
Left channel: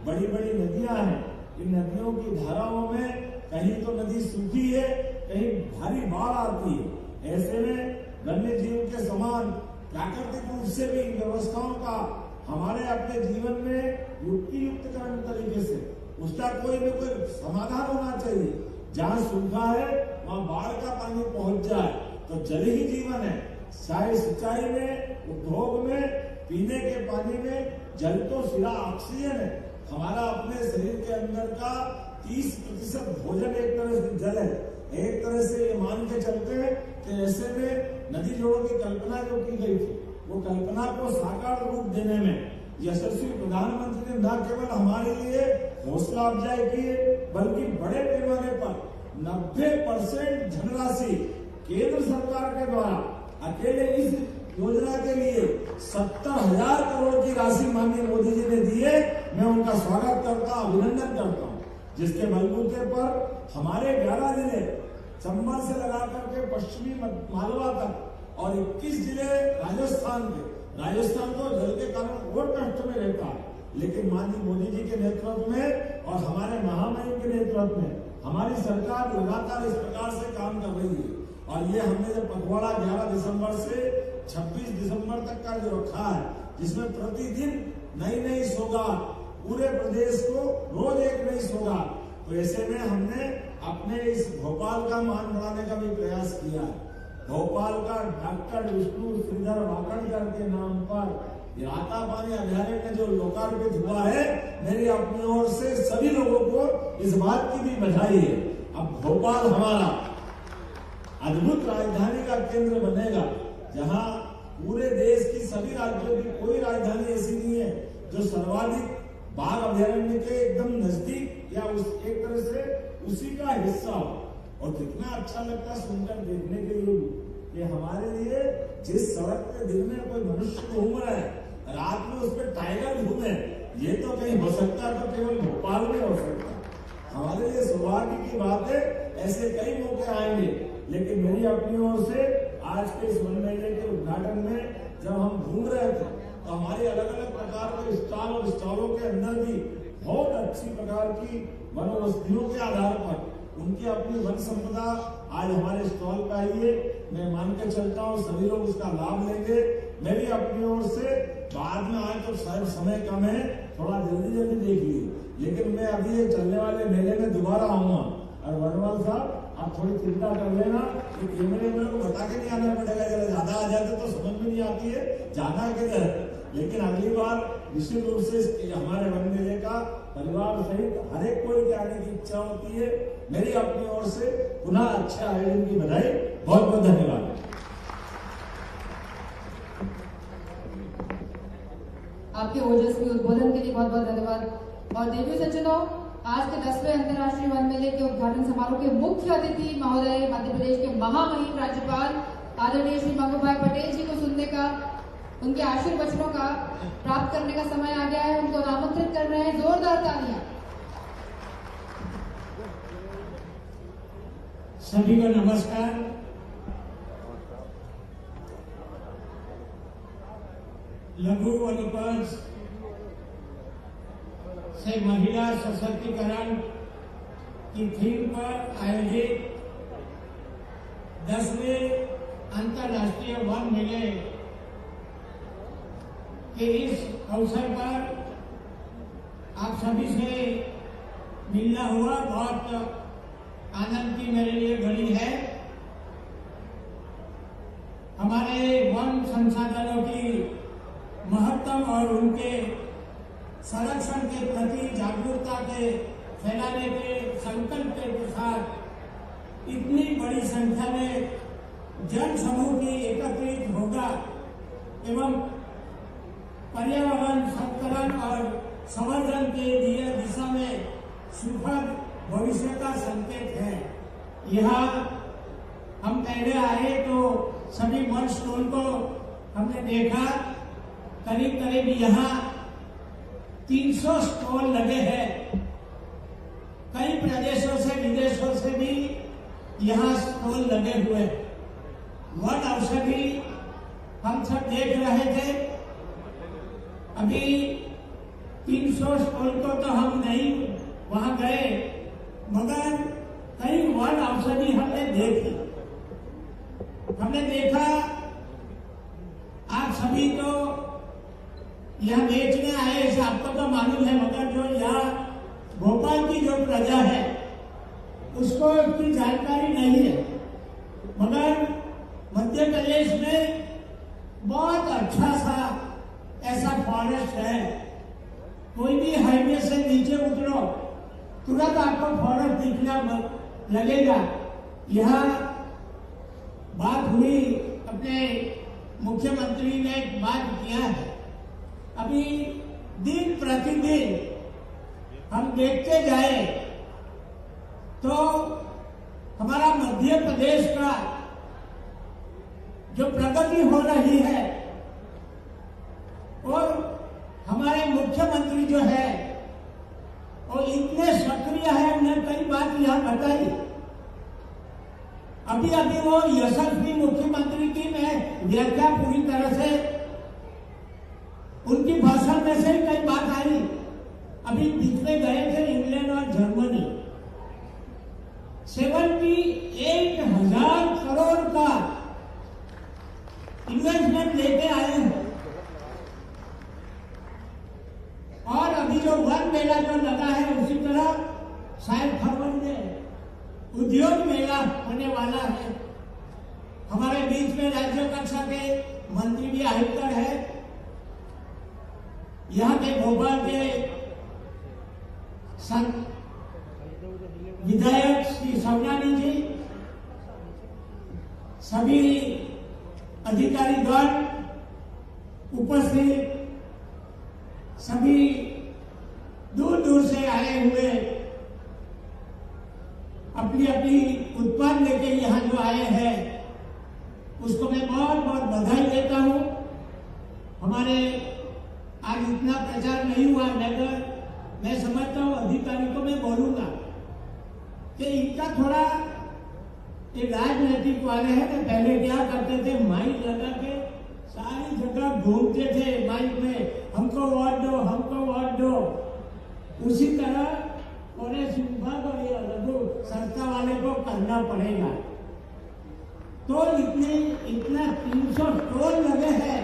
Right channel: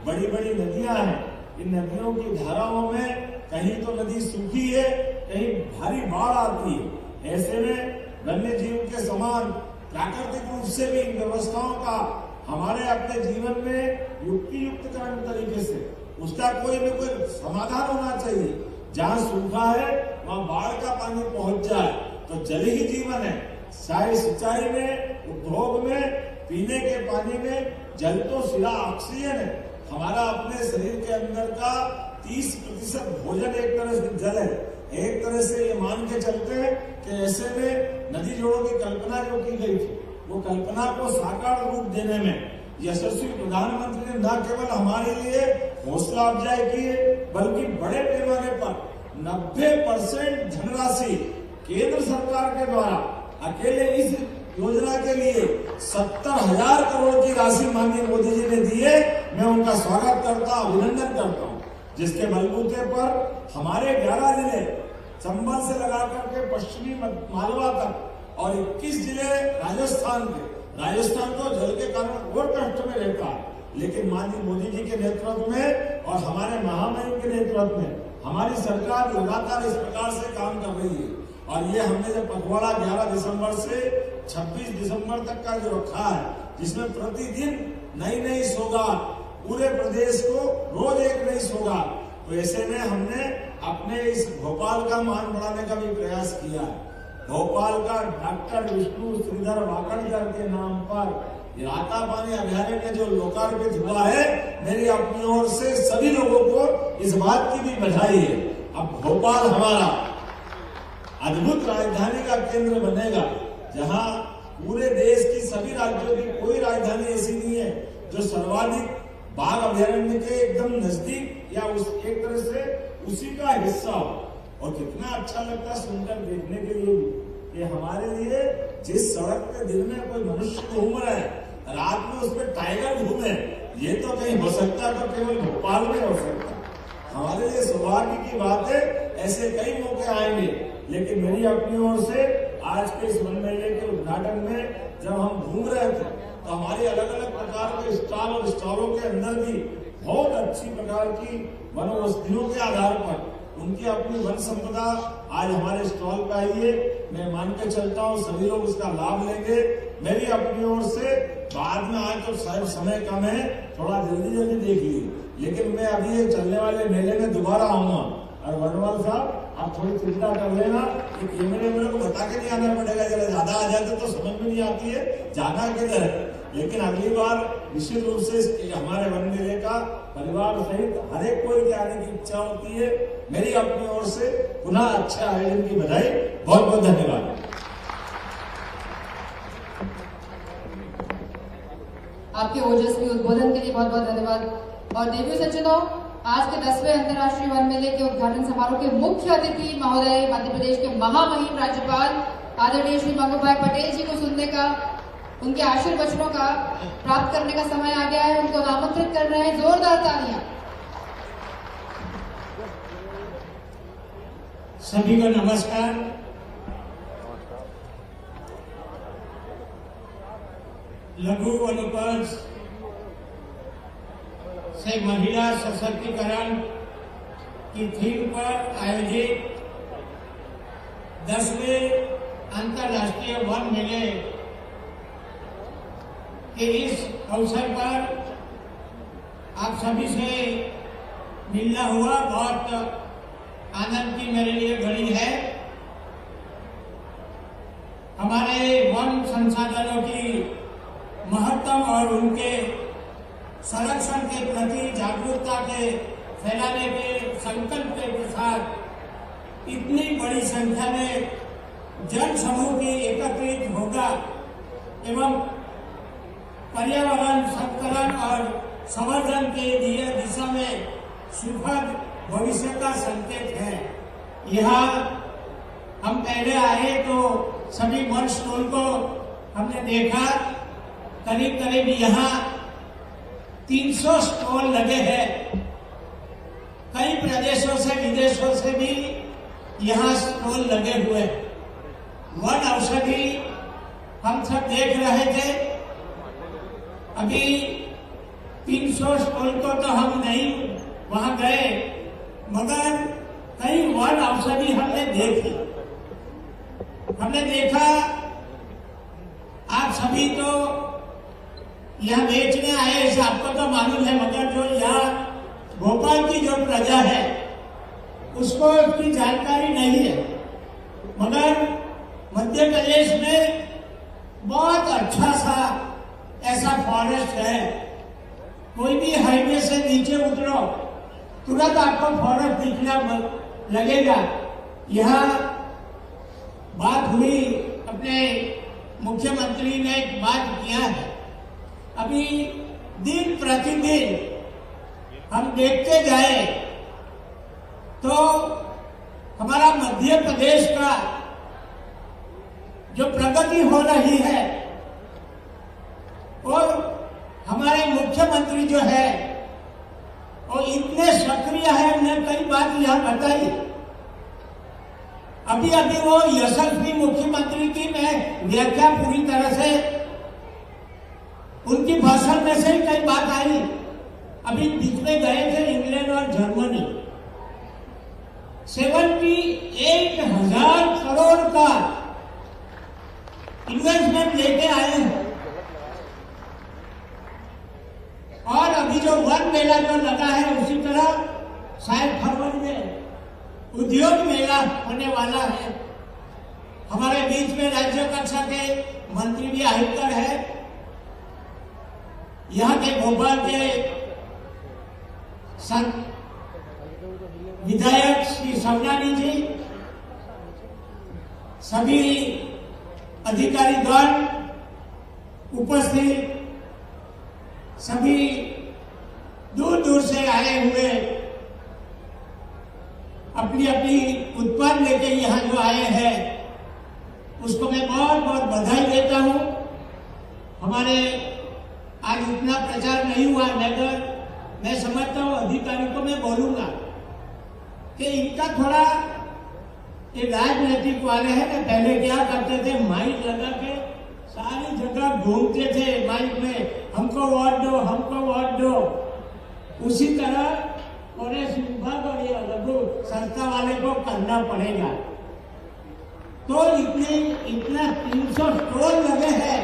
बड़ी बड़ी नदियां हैं, इन नदियों की धाराओं में कहीं तो नदी सूखी है, कहीं भारी बाढ़ आती है। ऐसे में वन्य जीव के समान प्राकृतिक रूप से भी इन व्यवस्थाओं का हमारे अपने जीवन में युक्ति युक्तकरण तरीके से उसका कोई न कोई समाधान होना चाहिए। जहाँ सूखा है वहाँ बाढ़ का पानी पहुंच जाए तो जल ही जीवन है। चाहे सिंचाई में, उद्योग में, पीने के पानी में, जल तो सिरा ऑक्सीजन है। हमारा अपने शरीर के अंदर का 30% भोजन एक तरह से जल है। एक तरह से ये मान के चलते हैं कि ऐसे में नदी जोड़ों की कल्पना जो की गई थी, वो कल्पना को साकार रूप देने में यशस्वी प्रधानमंत्री ने न केवल हमारे लिए हौसला अफजाई की है, बल्कि बड़े पैमाने पर 90% धनराशि केंद्र सरकार के द्वारा अकेले इस योजना के लिए 70,000 करोड़ की राशि माननीय मोदी जी ने दी है। मैं उनका स्वागत करता, अभिनंदन करता हूँ, जिसके बलबूते पर हमारे 11 जिले चंबल से लगा करके पश्चिमी मालवा तक और 21 जिले राजस्थान के, राजस्थान तो जल के कारण और कष्ट में रहता है, लेकिन माननीय मोदी जी के नेतृत्व में और हमारे महामहिम के नेतृत्व में हमारी सरकार लगातार इस प्रकार से काम कर रही है। और ये हमने जब पखवाड़ा 11 दिसंबर से 26 दिसंबर तक का जो रखा है, जिसमें प्रतिदिन नई नई सौगात, पूरे प्रदेश को रोज एक नई सौगात, तो ऐसे में हमने अपने इस भोपाल का मान बढ़ाने का भी प्रयास किया है। भोपाल का डॉक्टर विष्णु श्रीधर वाकणकर के नाम पर राता पानी अभ्यारण्य जो लोकार्पित हुआ है, मेरी अपनी ओर से सभी लोगों को इस बात की भी बधाई है। अब भोपाल हमारा अद्भुत राजधानी का केंद्र बनेगा, जहां पूरे देश की सभी राज्यों की कोई राजधानी ऐसी नहीं है जो सर्वाधिक बाघ अभ्यारण्य के एकदम नजदीक या उस एक तरह से उसी का हिस्सा हो। और कितना अच्छा लगता सुनकर देखने के लिए कि हमारे लिए जिस सड़क पे दिन में कोई मनुष्य घूम रहा है, रात में उस पर टाइगर घूमे, ये तो कहीं हो सकता है, तो केवल भोपाल में हो सकता है। हमारे लिए सौभाग्य की बात है, ऐसे कई मौके आएंगे। लेकिन मेरी अपनी ओर से आज के इस वन मेले के उद्घाटन में जब हम घूम रहे थे तो हमारी अलग अलग प्रकार के स्टॉल और स्टॉलों के अंदर भी बहुत अच्छी प्रकार की वन औषधियों के आधार पर उनकी अपनी वन संपदा आज हमारे स्टॉल पर आई है। मैं मान के चलता हूँ सभी लोग उसका लाभ लेंगे। मैं भी अपनी ओर से बाद में, आज तो शायद समय कम है, थोड़ा जल्दी जल्दी देख लीजिए, लेकिन मैं अभी ये चलने वाले मेले में दोबारा आऊंगा। और वनवाल साहब आप थोड़ी चिंता कर लेना, ये कैमरे को बता के नहीं आना पड़ेगा, जरा ज्यादा आ जाते तो समझ में नहीं आती है जाना किधर है। लेकिन अगली बार निश्चित रूप से हमारे वन मेले का परिवार सहित हर एक कोई के आने की इच्छा होती है। मेरी अपनी ओर से पुनः अच्छे आयोजन की बधाई, बहुत बहुत धन्यवाद। आपके ओजस्वी उद्बोधन के लिए बहुत बहुत धन्यवाद। और देवी सज्जनों, आज के 10वें अंतर्राष्ट्रीय वन मेले के उद्घाटन समारोह के मुख्य अतिथि महोदय मध्य प्रदेश के महामहिम राज्यपाल आदरणीय श्री मंगू भाई पटेल जी को सुनने का, उनके आशीर्वचनों का प्राप्त करने का समय आ गया है। उनको आमंत्रित कर रहे हैं, जोरदार तालियां। सभी को नमस्कार। लघु वनोपज से महिला सशक्तिकरण की थीम पर आयोजित 10वें अंतर्राष्ट्रीय वन मेले के इस अवसर पर आप सभी से मिलना हुआ बहुत आनंद की मेरे लिए घड़ी है। हमारे वन संसाधनों की महत्व और उनके संरक्षण के प्रति जागरूकता के फैलाने के संकल्प के साथ इतनी बड़ी संख्या में जन समूह की एकत्रित होगा एवं पर्यावरण संरक्षण और संवर्धन के लिए दिशा में सुखद भविष्य का संकेत है। यहाँ हम पहले आए तो सभी वन स्टॉल को हमने देखा, करीब करीब यहाँ 300 स्टॉल लगे हैं। कई प्रदेशों से विदेशों से भी यहाँ स्टॉल लगे हुए हैं। वन औषधि हम सब देख रहे थे। अभी 300 स्टॉल को तो हम नहीं वहां गए, मगर कई वन औषधि हमने देखी। हमने देखा आप सभी तो यहाँ बेचने आए, इसे आपको तो मालूम है, मगर जो यहाँ भोपाल की जो प्रजा है उसको उसकी जानकारी नहीं है। मगर मध्य प्रदेश में बहुत अच्छा सा ऐसा फॉरेस्ट है। कोई भी हाईवे से नीचे उतरो तुरंत आपको फॉरेस्ट दिखना लगेगा। यहाँ बात हुई, अपने मुख्यमंत्री ने एक बात किया है, अभी दिन प्रतिदिन हम देखते जाए तो हमारा मध्य प्रदेश का जो प्रगति हो रही है और हमारे मुख्यमंत्री जो है वो इतने सक्रिय है, उन्हें कई बात यहाँ बताई। अभी अभी वो यशस्वी मुख्यमंत्री की मैं व्याख्या पूरी तरह से उनकी भाषण में से ही कई बात आई। अभी बीच में गए थे इंग्लैंड और जर्मनी, 78,000 करोड़ का इन्वेस्टमेंट लेके आए हैं। और अभी जो वन मेला जो लगा है उसी तरह शायद फरवरी में उद्योग मेला होने वाला है। हमारे बीच में राज्य कक्षा के मंत्री भी आयुक्त है, यहाँ के भोपाल के विधायक श्री सवनानी जी, सभी अधिकारीगण उपस्थित, सभी दूर दूर से आए हुए अपनी अपनी उत्पाद लेके यहाँ जो आए हैं उसको मैं बहुत बहुत बधाई देता हूँ। हमारे आज इतना प्रचार नहीं हुआ, मगर मैं समझता हूँ अधिकारियों को मैं बोलूंगा कि इनका थोड़ा ये राजनीतिक वाले हैं ना, पहले क्या करते थे, माइक लगा के सारी जगह घूमते थे माइक में, हमको वोट दो, हमको वोट दो। उसी तरह फॉरेस्ट विभाग और ये लघु संस्था वाले को करना पड़ेगा। तो इतना 300 स्टॉल लगे हैं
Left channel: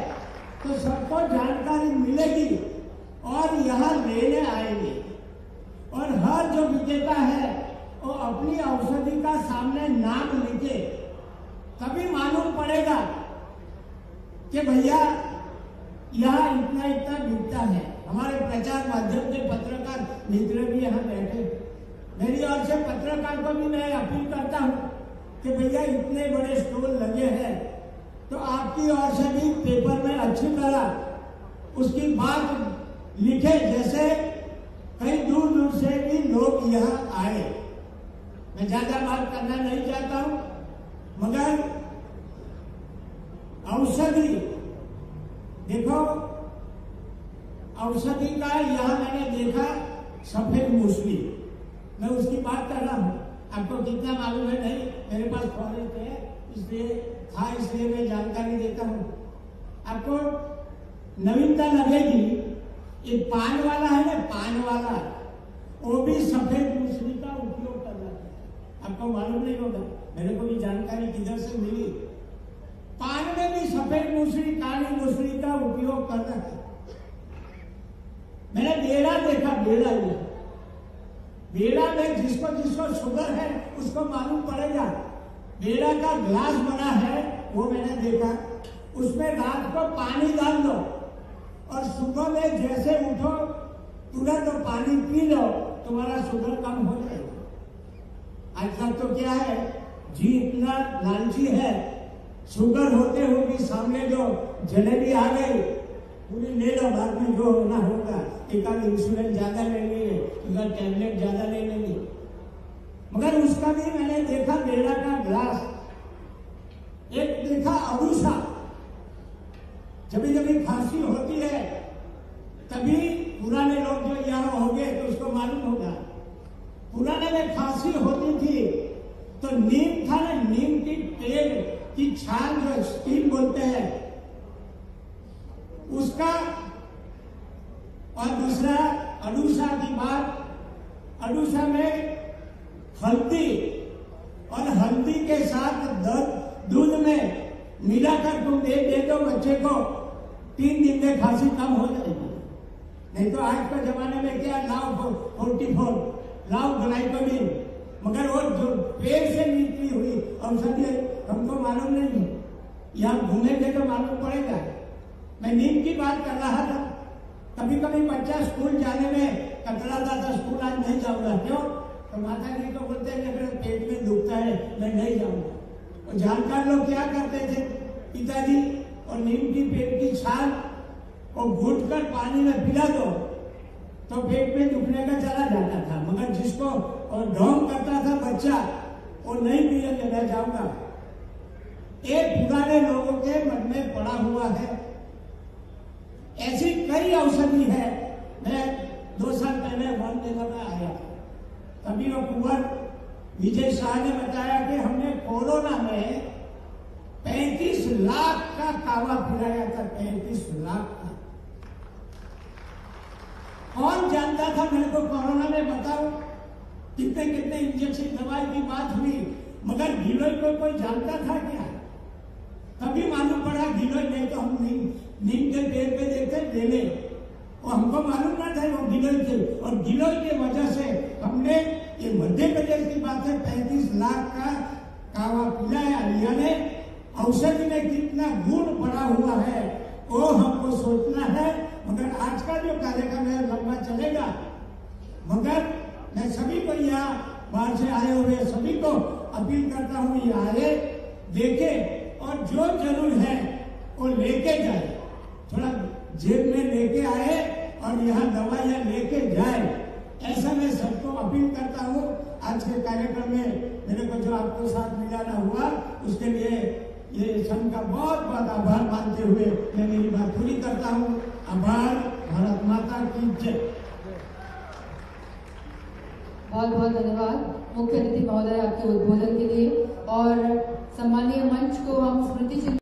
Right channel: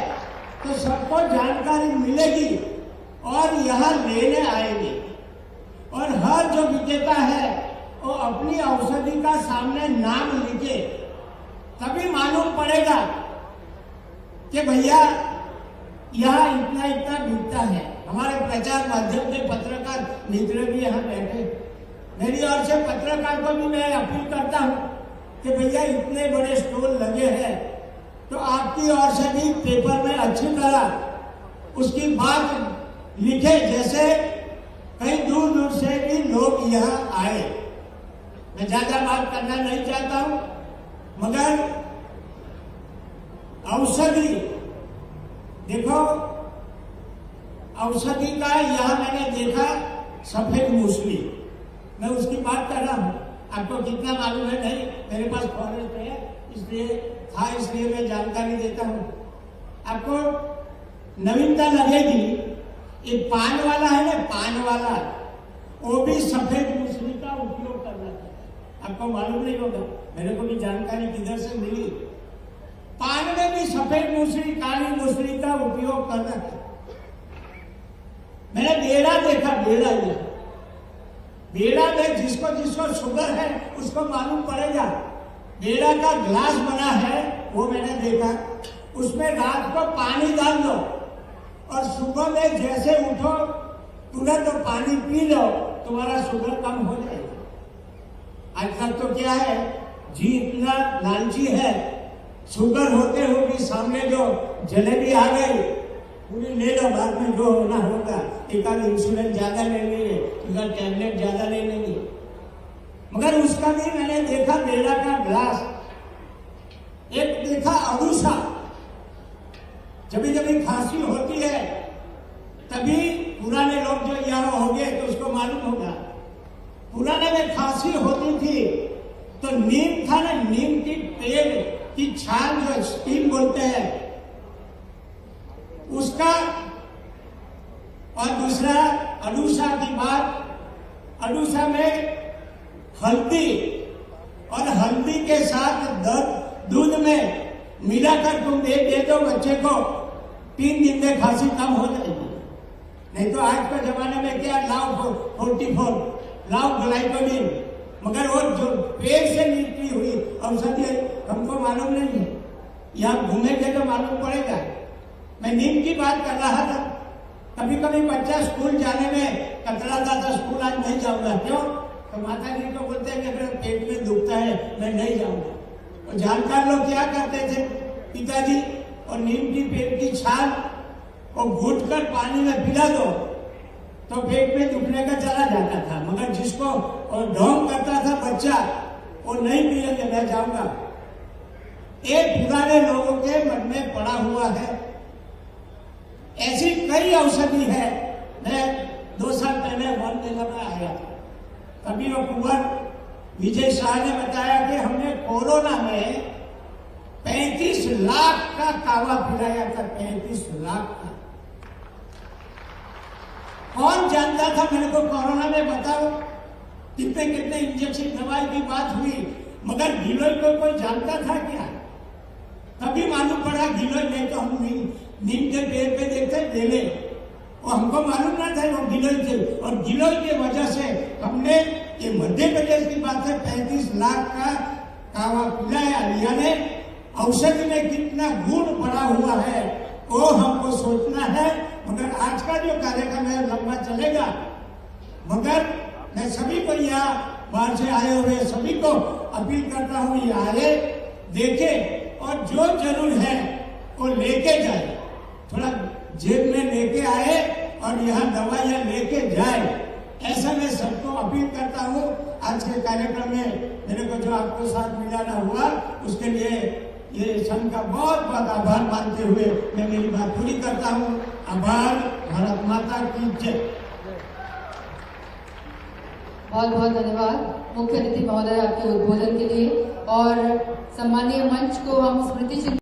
तो सबको जानकारी मिलेगी और यहाँ लेने आएंगे। और हर जो विजेता है वो अपनी औषधि का सामने नाम लिखे, तभी मालूम पड़ेगा कि भैया यहाँ इतना इतना बिकता है। हमारे प्रचार माध्यम के पत्रकार मित्र भी यहाँ बैठे, मेरी ओर से पत्रकार को भी मैं अपील करता हूँ कि भैया इतने बड़े स्टॉल लगे हैं तो आपकी ओर से भी पेपर में अच्छी तरह उसकी बात लिखे, जैसे कई दूर दूर से भी लोग यहाँ आए। मैं ज्यादा बात करना नहीं चाहता हूँ, मगर औषधि देखो, औषधि का यहाँ मैंने देखा सफेद मूसली, मैं उसकी बात कर रहा हूँ। आपको कितना मालूम है नहीं, मेरे पास फॉरेस्ट है इसलिए मैं जानकारी देता हूँ आपको। नवीनता लगेगी, ये पान वाला है ना, पान वाला, वो भी सफेद मूसली का उपयोग करना चाहिए। आपको मालूम नहीं होगा, मेरे को भी जानकारी किधर से मिली। पान में भी सफेद मूसली, काली मूसली का उपयोग करना है। मैंने बेड़ा देखा, बेड़ा में जिसको जिसको शुगर है उसको मालूम पड़ेगा। बेड़ा का ग्लास बना है, वो मैंने देखा, उसमें रात को पानी डाल दो और सुबह में जैसे उठो तुरंत तो पानी पी लो, तुम्हारा शुगर कम हो जाएगा। आजकल तो क्या है जी, इतना लालची है, शुगर होते हुए भी सामने जो जलेबी आ गई पूरी ले लो, बाद में जो होना होगा, एक आध इंसुलिन ज्यादा ले लेंगे, एक आध टैबलेट ज्यादा ले लेंगे। मगर उसका भी मैंने देखा बेड़ा का ग्लास, एक देखा अड़ूसा, जब जब खांसी होती है तभी पुराने लोग जो यहाँ होंगे तो उसको मालूम होगा, पुराने में खांसी होती थी तो नीम था ना, नीम की पेड़ की छाल जो स्टीम बोलते हैं उसका, और दूसरा अडूसा की बात, अडूसा में हल्दी और हल्दी के साथ दूध में मिलाकर तुम दे दो बच्चे को, 3 दिन में खांसी कम हो जाएगी। नहीं तो आज के जमाने में क्या, लाओ 44, लाओ ग्लाइकोडिन, मगर वो जो पेड़ से निकली हुई औषधि हमको मालूम नहीं है, यहाँ घूमेंगे तो मालूम पड़ेगा। मैं नीम की बात कर रहा था, कभी कभी बच्चा स्कूल जाने में कतराता था, स्कूल आज नहीं जाऊंगा, क्यों? तो माता जी को बोलते हैं कि मेरे पेट में दुखता है, मैं नहीं जाऊंगा। तो जानकार लोग क्या करते थे पिताजी, और नीम की पेड़ की छाल और घुट कर पानी में पिला दो तो पेट में दुखने का चला जाता था। मगर जिसको और ढोंग करता था बच्चा, वो नहीं पिएंगे, मैं जाऊंगा। एक पुराने लोगों के मन में पड़ा हुआ है। ऐसी कई औषधि है। मैं 2 साल पहले वन मेला में आया, तभी वो कुंवर विजय शाह ने बताया कि हमने कोरोना में 35 लाख का कावा पिलाया था, 35 लाख का। कौन जानता था? मेरे को कोरोना में बताओ कितने कितने इंजेक्शन दवाई की बात हुई, मगर गिलोय को कोई जानता था क्या? तभी मालूम पड़ा गिलोय, नहीं तो हम नीम के पेड़ पे देखते डेले, और हमको मालूम ना था वो गिलोय थे। और गिलोय के वजह से हमने, ये मध्य प्रदेश की बात है, 35 लाख का कावा पिलाया। यानी औषधि में कितना गुण पड़ा हुआ है वो हमको सोचना है। मगर आज का जो कार्यक्रम है लंबा चलेगा, मगर मैं सभी को यहाँ बाहर से आए हुए सभी को अपील करता हूँ, ये आए देखे और जो जरूर है वो लेके जाए, थोड़ा जेब में लेके आए और यहाँ दवाइयाँ लेके जाए, ऐसा मैं सबको अपील करता हूँ। आज के कार्यक्रम में मेरे को जो आपको साथ मिलाना हुआ उसके लिए ये संघ का बहुत बहुत आभार मानते हुए मैं मेरी बात पूरी करता हूँ। आभार। भारत माता की जय। बहुत बहुत धन्यवाद मुख्य अतिथि महोदय आपके उद्बोधन के लिए। और सम्मानीय मंच को हम स्मृति चिन्ह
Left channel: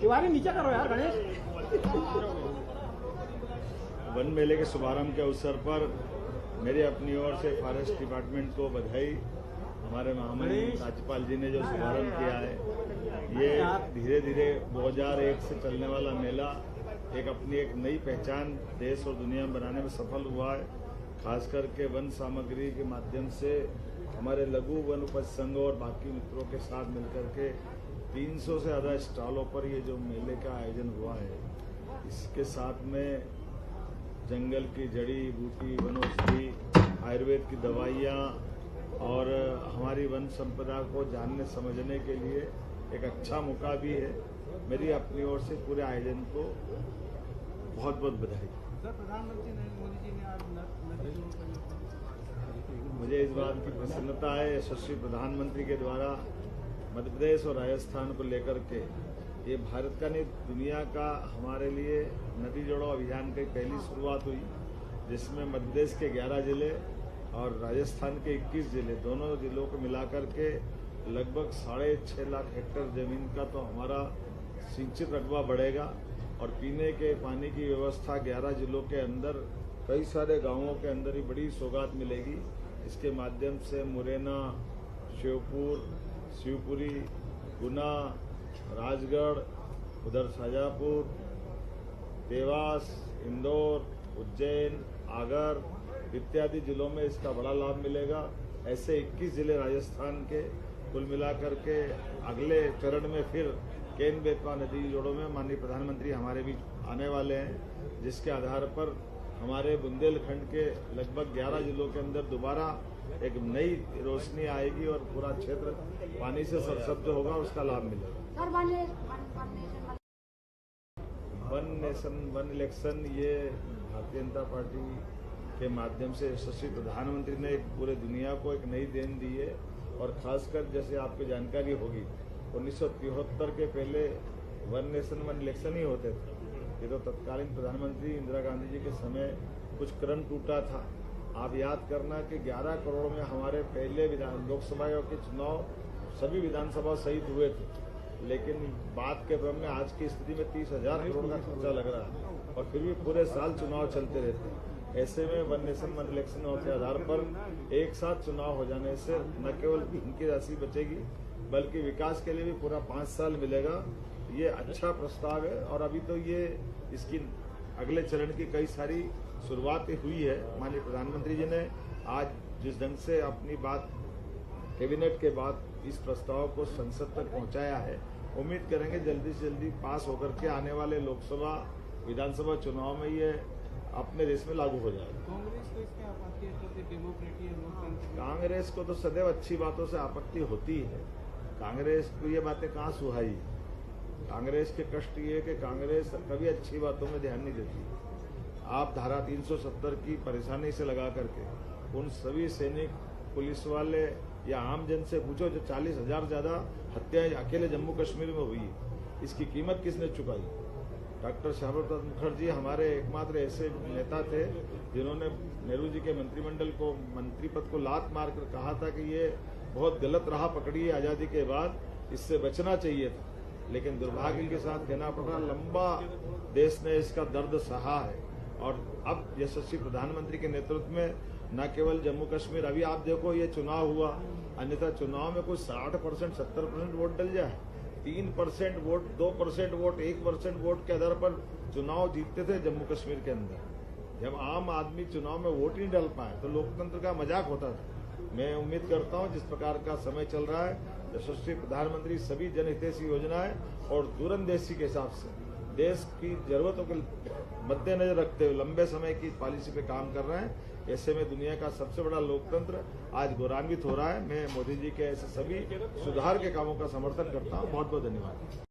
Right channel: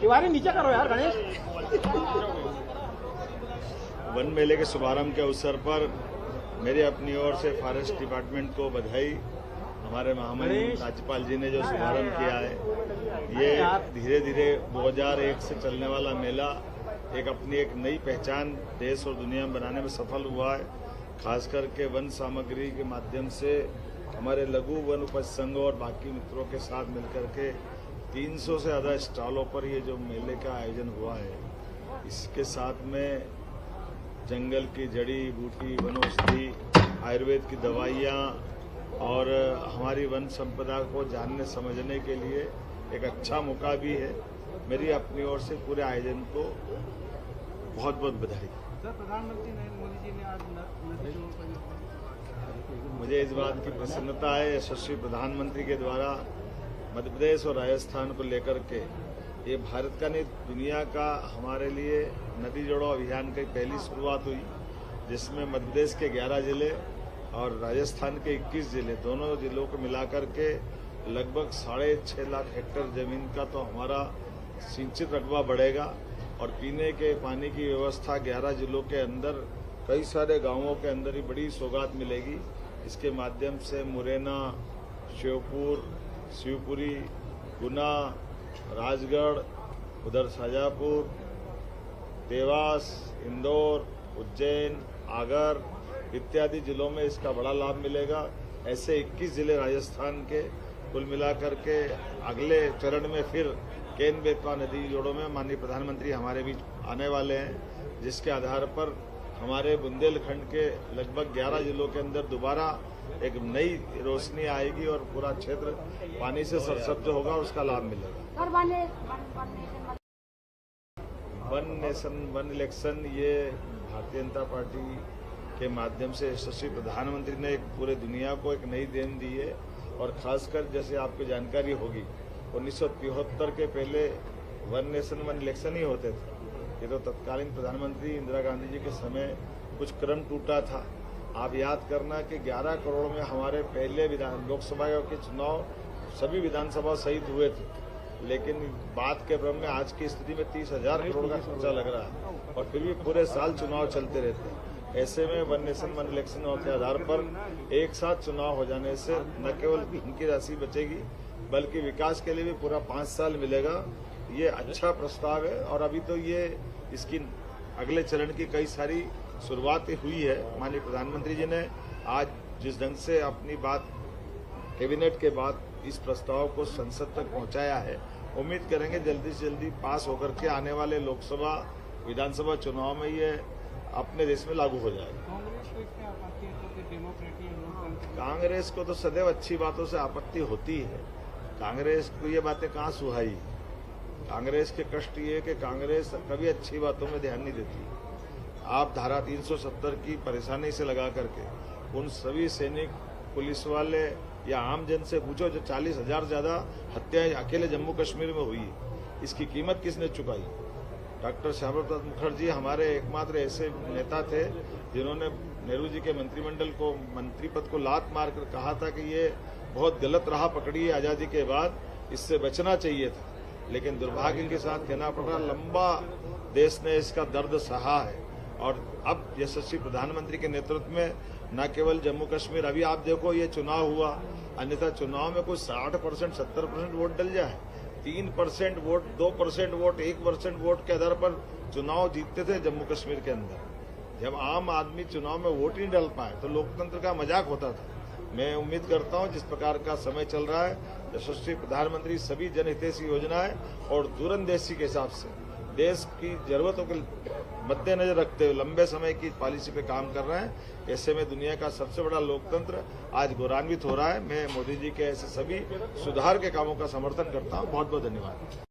तिवारी नीचे करो यार गणेश। वन मेले के शुभारंभ के अवसर पर मेरी अपनी ओर से फॉरेस्ट डिपार्टमेंट को बधाई। हमारे महामहिम राज्यपाल जी ने जो शुभारंभ किया है, ये धीरे धीरे 2001 से चलने वाला मेला अपनी एक नई पहचान देश और दुनिया में बनाने में सफल हुआ है। खास करके वन सामग्री के माध्यम से हमारे लघु वन उपज संघों और बाकी मित्रों के साथ मिलकर के 300 से ज़्यादा स्टॉलों पर ये जो मेले का आयोजन हुआ है, इसके साथ में जंगल की जड़ी बूटी, वनौषधि, आयुर्वेद की दवाइयाँ और हमारी वन संपदा को जानने समझने के लिए एक अच्छा मौका भी है। मेरी अपनी ओर से पूरे आयोजन को बहुत बहुत बधाई। प्रधानमंत्री नरेंद्र मोदी जी ने आज मुझे इस बात की प्रसन्नता है, यशस्वी प्रधानमंत्री के द्वारा मध्य प्रदेश और राजस्थान को लेकर के ये भारत का नहीं दुनिया का हमारे लिए नदी जोड़ो अभियान की पहली शुरुआत हुई, जिसमें मध्य प्रदेश के 11 जिले और राजस्थान के 21 जिले, दोनों जिलों को मिलाकर के लगभग 6.5 लाख हेक्टेयर जमीन का तो हमारा सिंचित रकबा बढ़ेगा और पीने के पानी की व्यवस्था 11 जिलों के अंदर कई सारे गांवों के अंदर ही बड़ी सौगात मिलेगी। इसके माध्यम से मुरैना, श्योपुर, शिवपुरी, गुना, राजगढ़, उधर शाजापुर, देवास, इंदौर, उज्जैन, आगर इत्यादि जिलों में इसका बड़ा लाभ मिलेगा। ऐसे 21 जिले राजस्थान के कुल मिलाकर के अगले चरण में फिर केन बेतवा नदी जोड़ों में माननीय प्रधानमंत्री हमारे बीच आने वाले हैं, जिसके आधार पर हमारे बुंदेलखंड के लगभग 11 जिलों के अंदर दोबारा एक नई रोशनी आएगी और पूरा क्षेत्र पानी से सरसब्ज होगा, उसका लाभ मिलेगा। वन नेशन वन इलेक्शन ये भारतीय जनता पार्टी के माध्यम से यशस्वी प्रधानमंत्री ने एक पूरे दुनिया को एक नई देन दी है। और खासकर जैसे आपको जानकारी होगी 1973 के पहले वन नेशन वन इलेक्शन ही होते थे। ये तो तत्कालीन प्रधानमंत्री इंदिरा गांधी जी के समय कुछ क्रम टूटा था। आप याद करना कि 11 करोड़ में हमारे पहले लोकसभा के चुनाव सभी विधानसभा सहित हुए थे, लेकिन बात के क्रम में आज की स्थिति में 30,000 करोड़ का खर्चा लग रहा है और फिर भी पूरे साल चुनाव चलते रहते हैं। ऐसे में वन नेशन वन इलेक्शन के आधार पर एक साथ चुनाव हो जाने से न केवल इनकी राशि बचेगी बल्कि विकास के लिए भी पूरा 5 साल मिलेगा। ये अच्छा प्रस्ताव है और अभी तो ये इसकी अगले चरण की कई सारी शुरुआत हुई है। माननीय प्रधानमंत्री जी ने आज जिस ढंग से अपनी बात कैबिनेट के बाद इस प्रस्ताव को संसद तक पहुंचाया है, उम्मीद करेंगे जल्दी से जल्दी पास होकर के आने वाले लोकसभा विधानसभा चुनाव में ये अपने देश में लागू हो जाएगा। कांग्रेस को इसमें आपत्ति है तो डेमोक्रेसी है, लोकतंत्र। कांग्रेस को तो सदैव अच्छी बातों से आपत्ति होती है। कांग्रेस को ये बातें कहाँ सुहाई। कांग्रेस के कष्ट ये कि कांग्रेस कभी अच्छी बातों में ध्यान नहीं देती। आप धारा 370 की परेशानी से लगा करके उन सभी सैनिक, पुलिस वाले या आम जन से पूछो जो 40,000 ज्यादा हत्याएं अकेले जम्मू कश्मीर में हुई, इसकी कीमत किसने चुकाई। डॉक्टर श्यामा प्रसाद मुखर्जी हमारे एकमात्र ऐसे नेता थे जिन्होंने नेहरू जी के मंत्रिमंडल को मंत्री पद को लात मारकर कहा था कि ये बहुत गलत राह पकड़ी है आजादी के बाद, इससे बचना चाहिए था। लेकिन दुर्भाग्य के साथ कहना पड़ रहा, लंबा देश ने इसका दर्द सहा है और अब यशस्वी प्रधानमंत्री के नेतृत्व में न केवल जम्मू कश्मीर, अभी आप देखो ये चुनाव हुआ, अन्यथा चुनाव में कुछ 60%, 70% वोट डल जाए, 3% वोट, 2% वोट, 1% वोट के आधार पर चुनाव जीतते थे जम्मू कश्मीर के अंदर। जब आम आदमी चुनाव में वोट नहीं डाल पाए तो लोकतंत्र का मजाक होता था। मैं उम्मीद करता हूं जिस प्रकार का समय चल रहा है, यशस्वी प्रधानमंत्री सभी जनहितैषी योजनाएं और दूरंदेशी के हिसाब से देश की जरूरतों के मद्देनजर रखते हुए लंबे समय की पॉलिसी पे काम कर रहे हैं। ऐसे में दुनिया का सबसे बड़ा लोकतंत्र आज गौरवान्वित हो रहा है। मैं मोदी जी के ऐसे सभी सुधार के कामों का समर्थन करता हूं। बहुत बहुत धन्यवाद।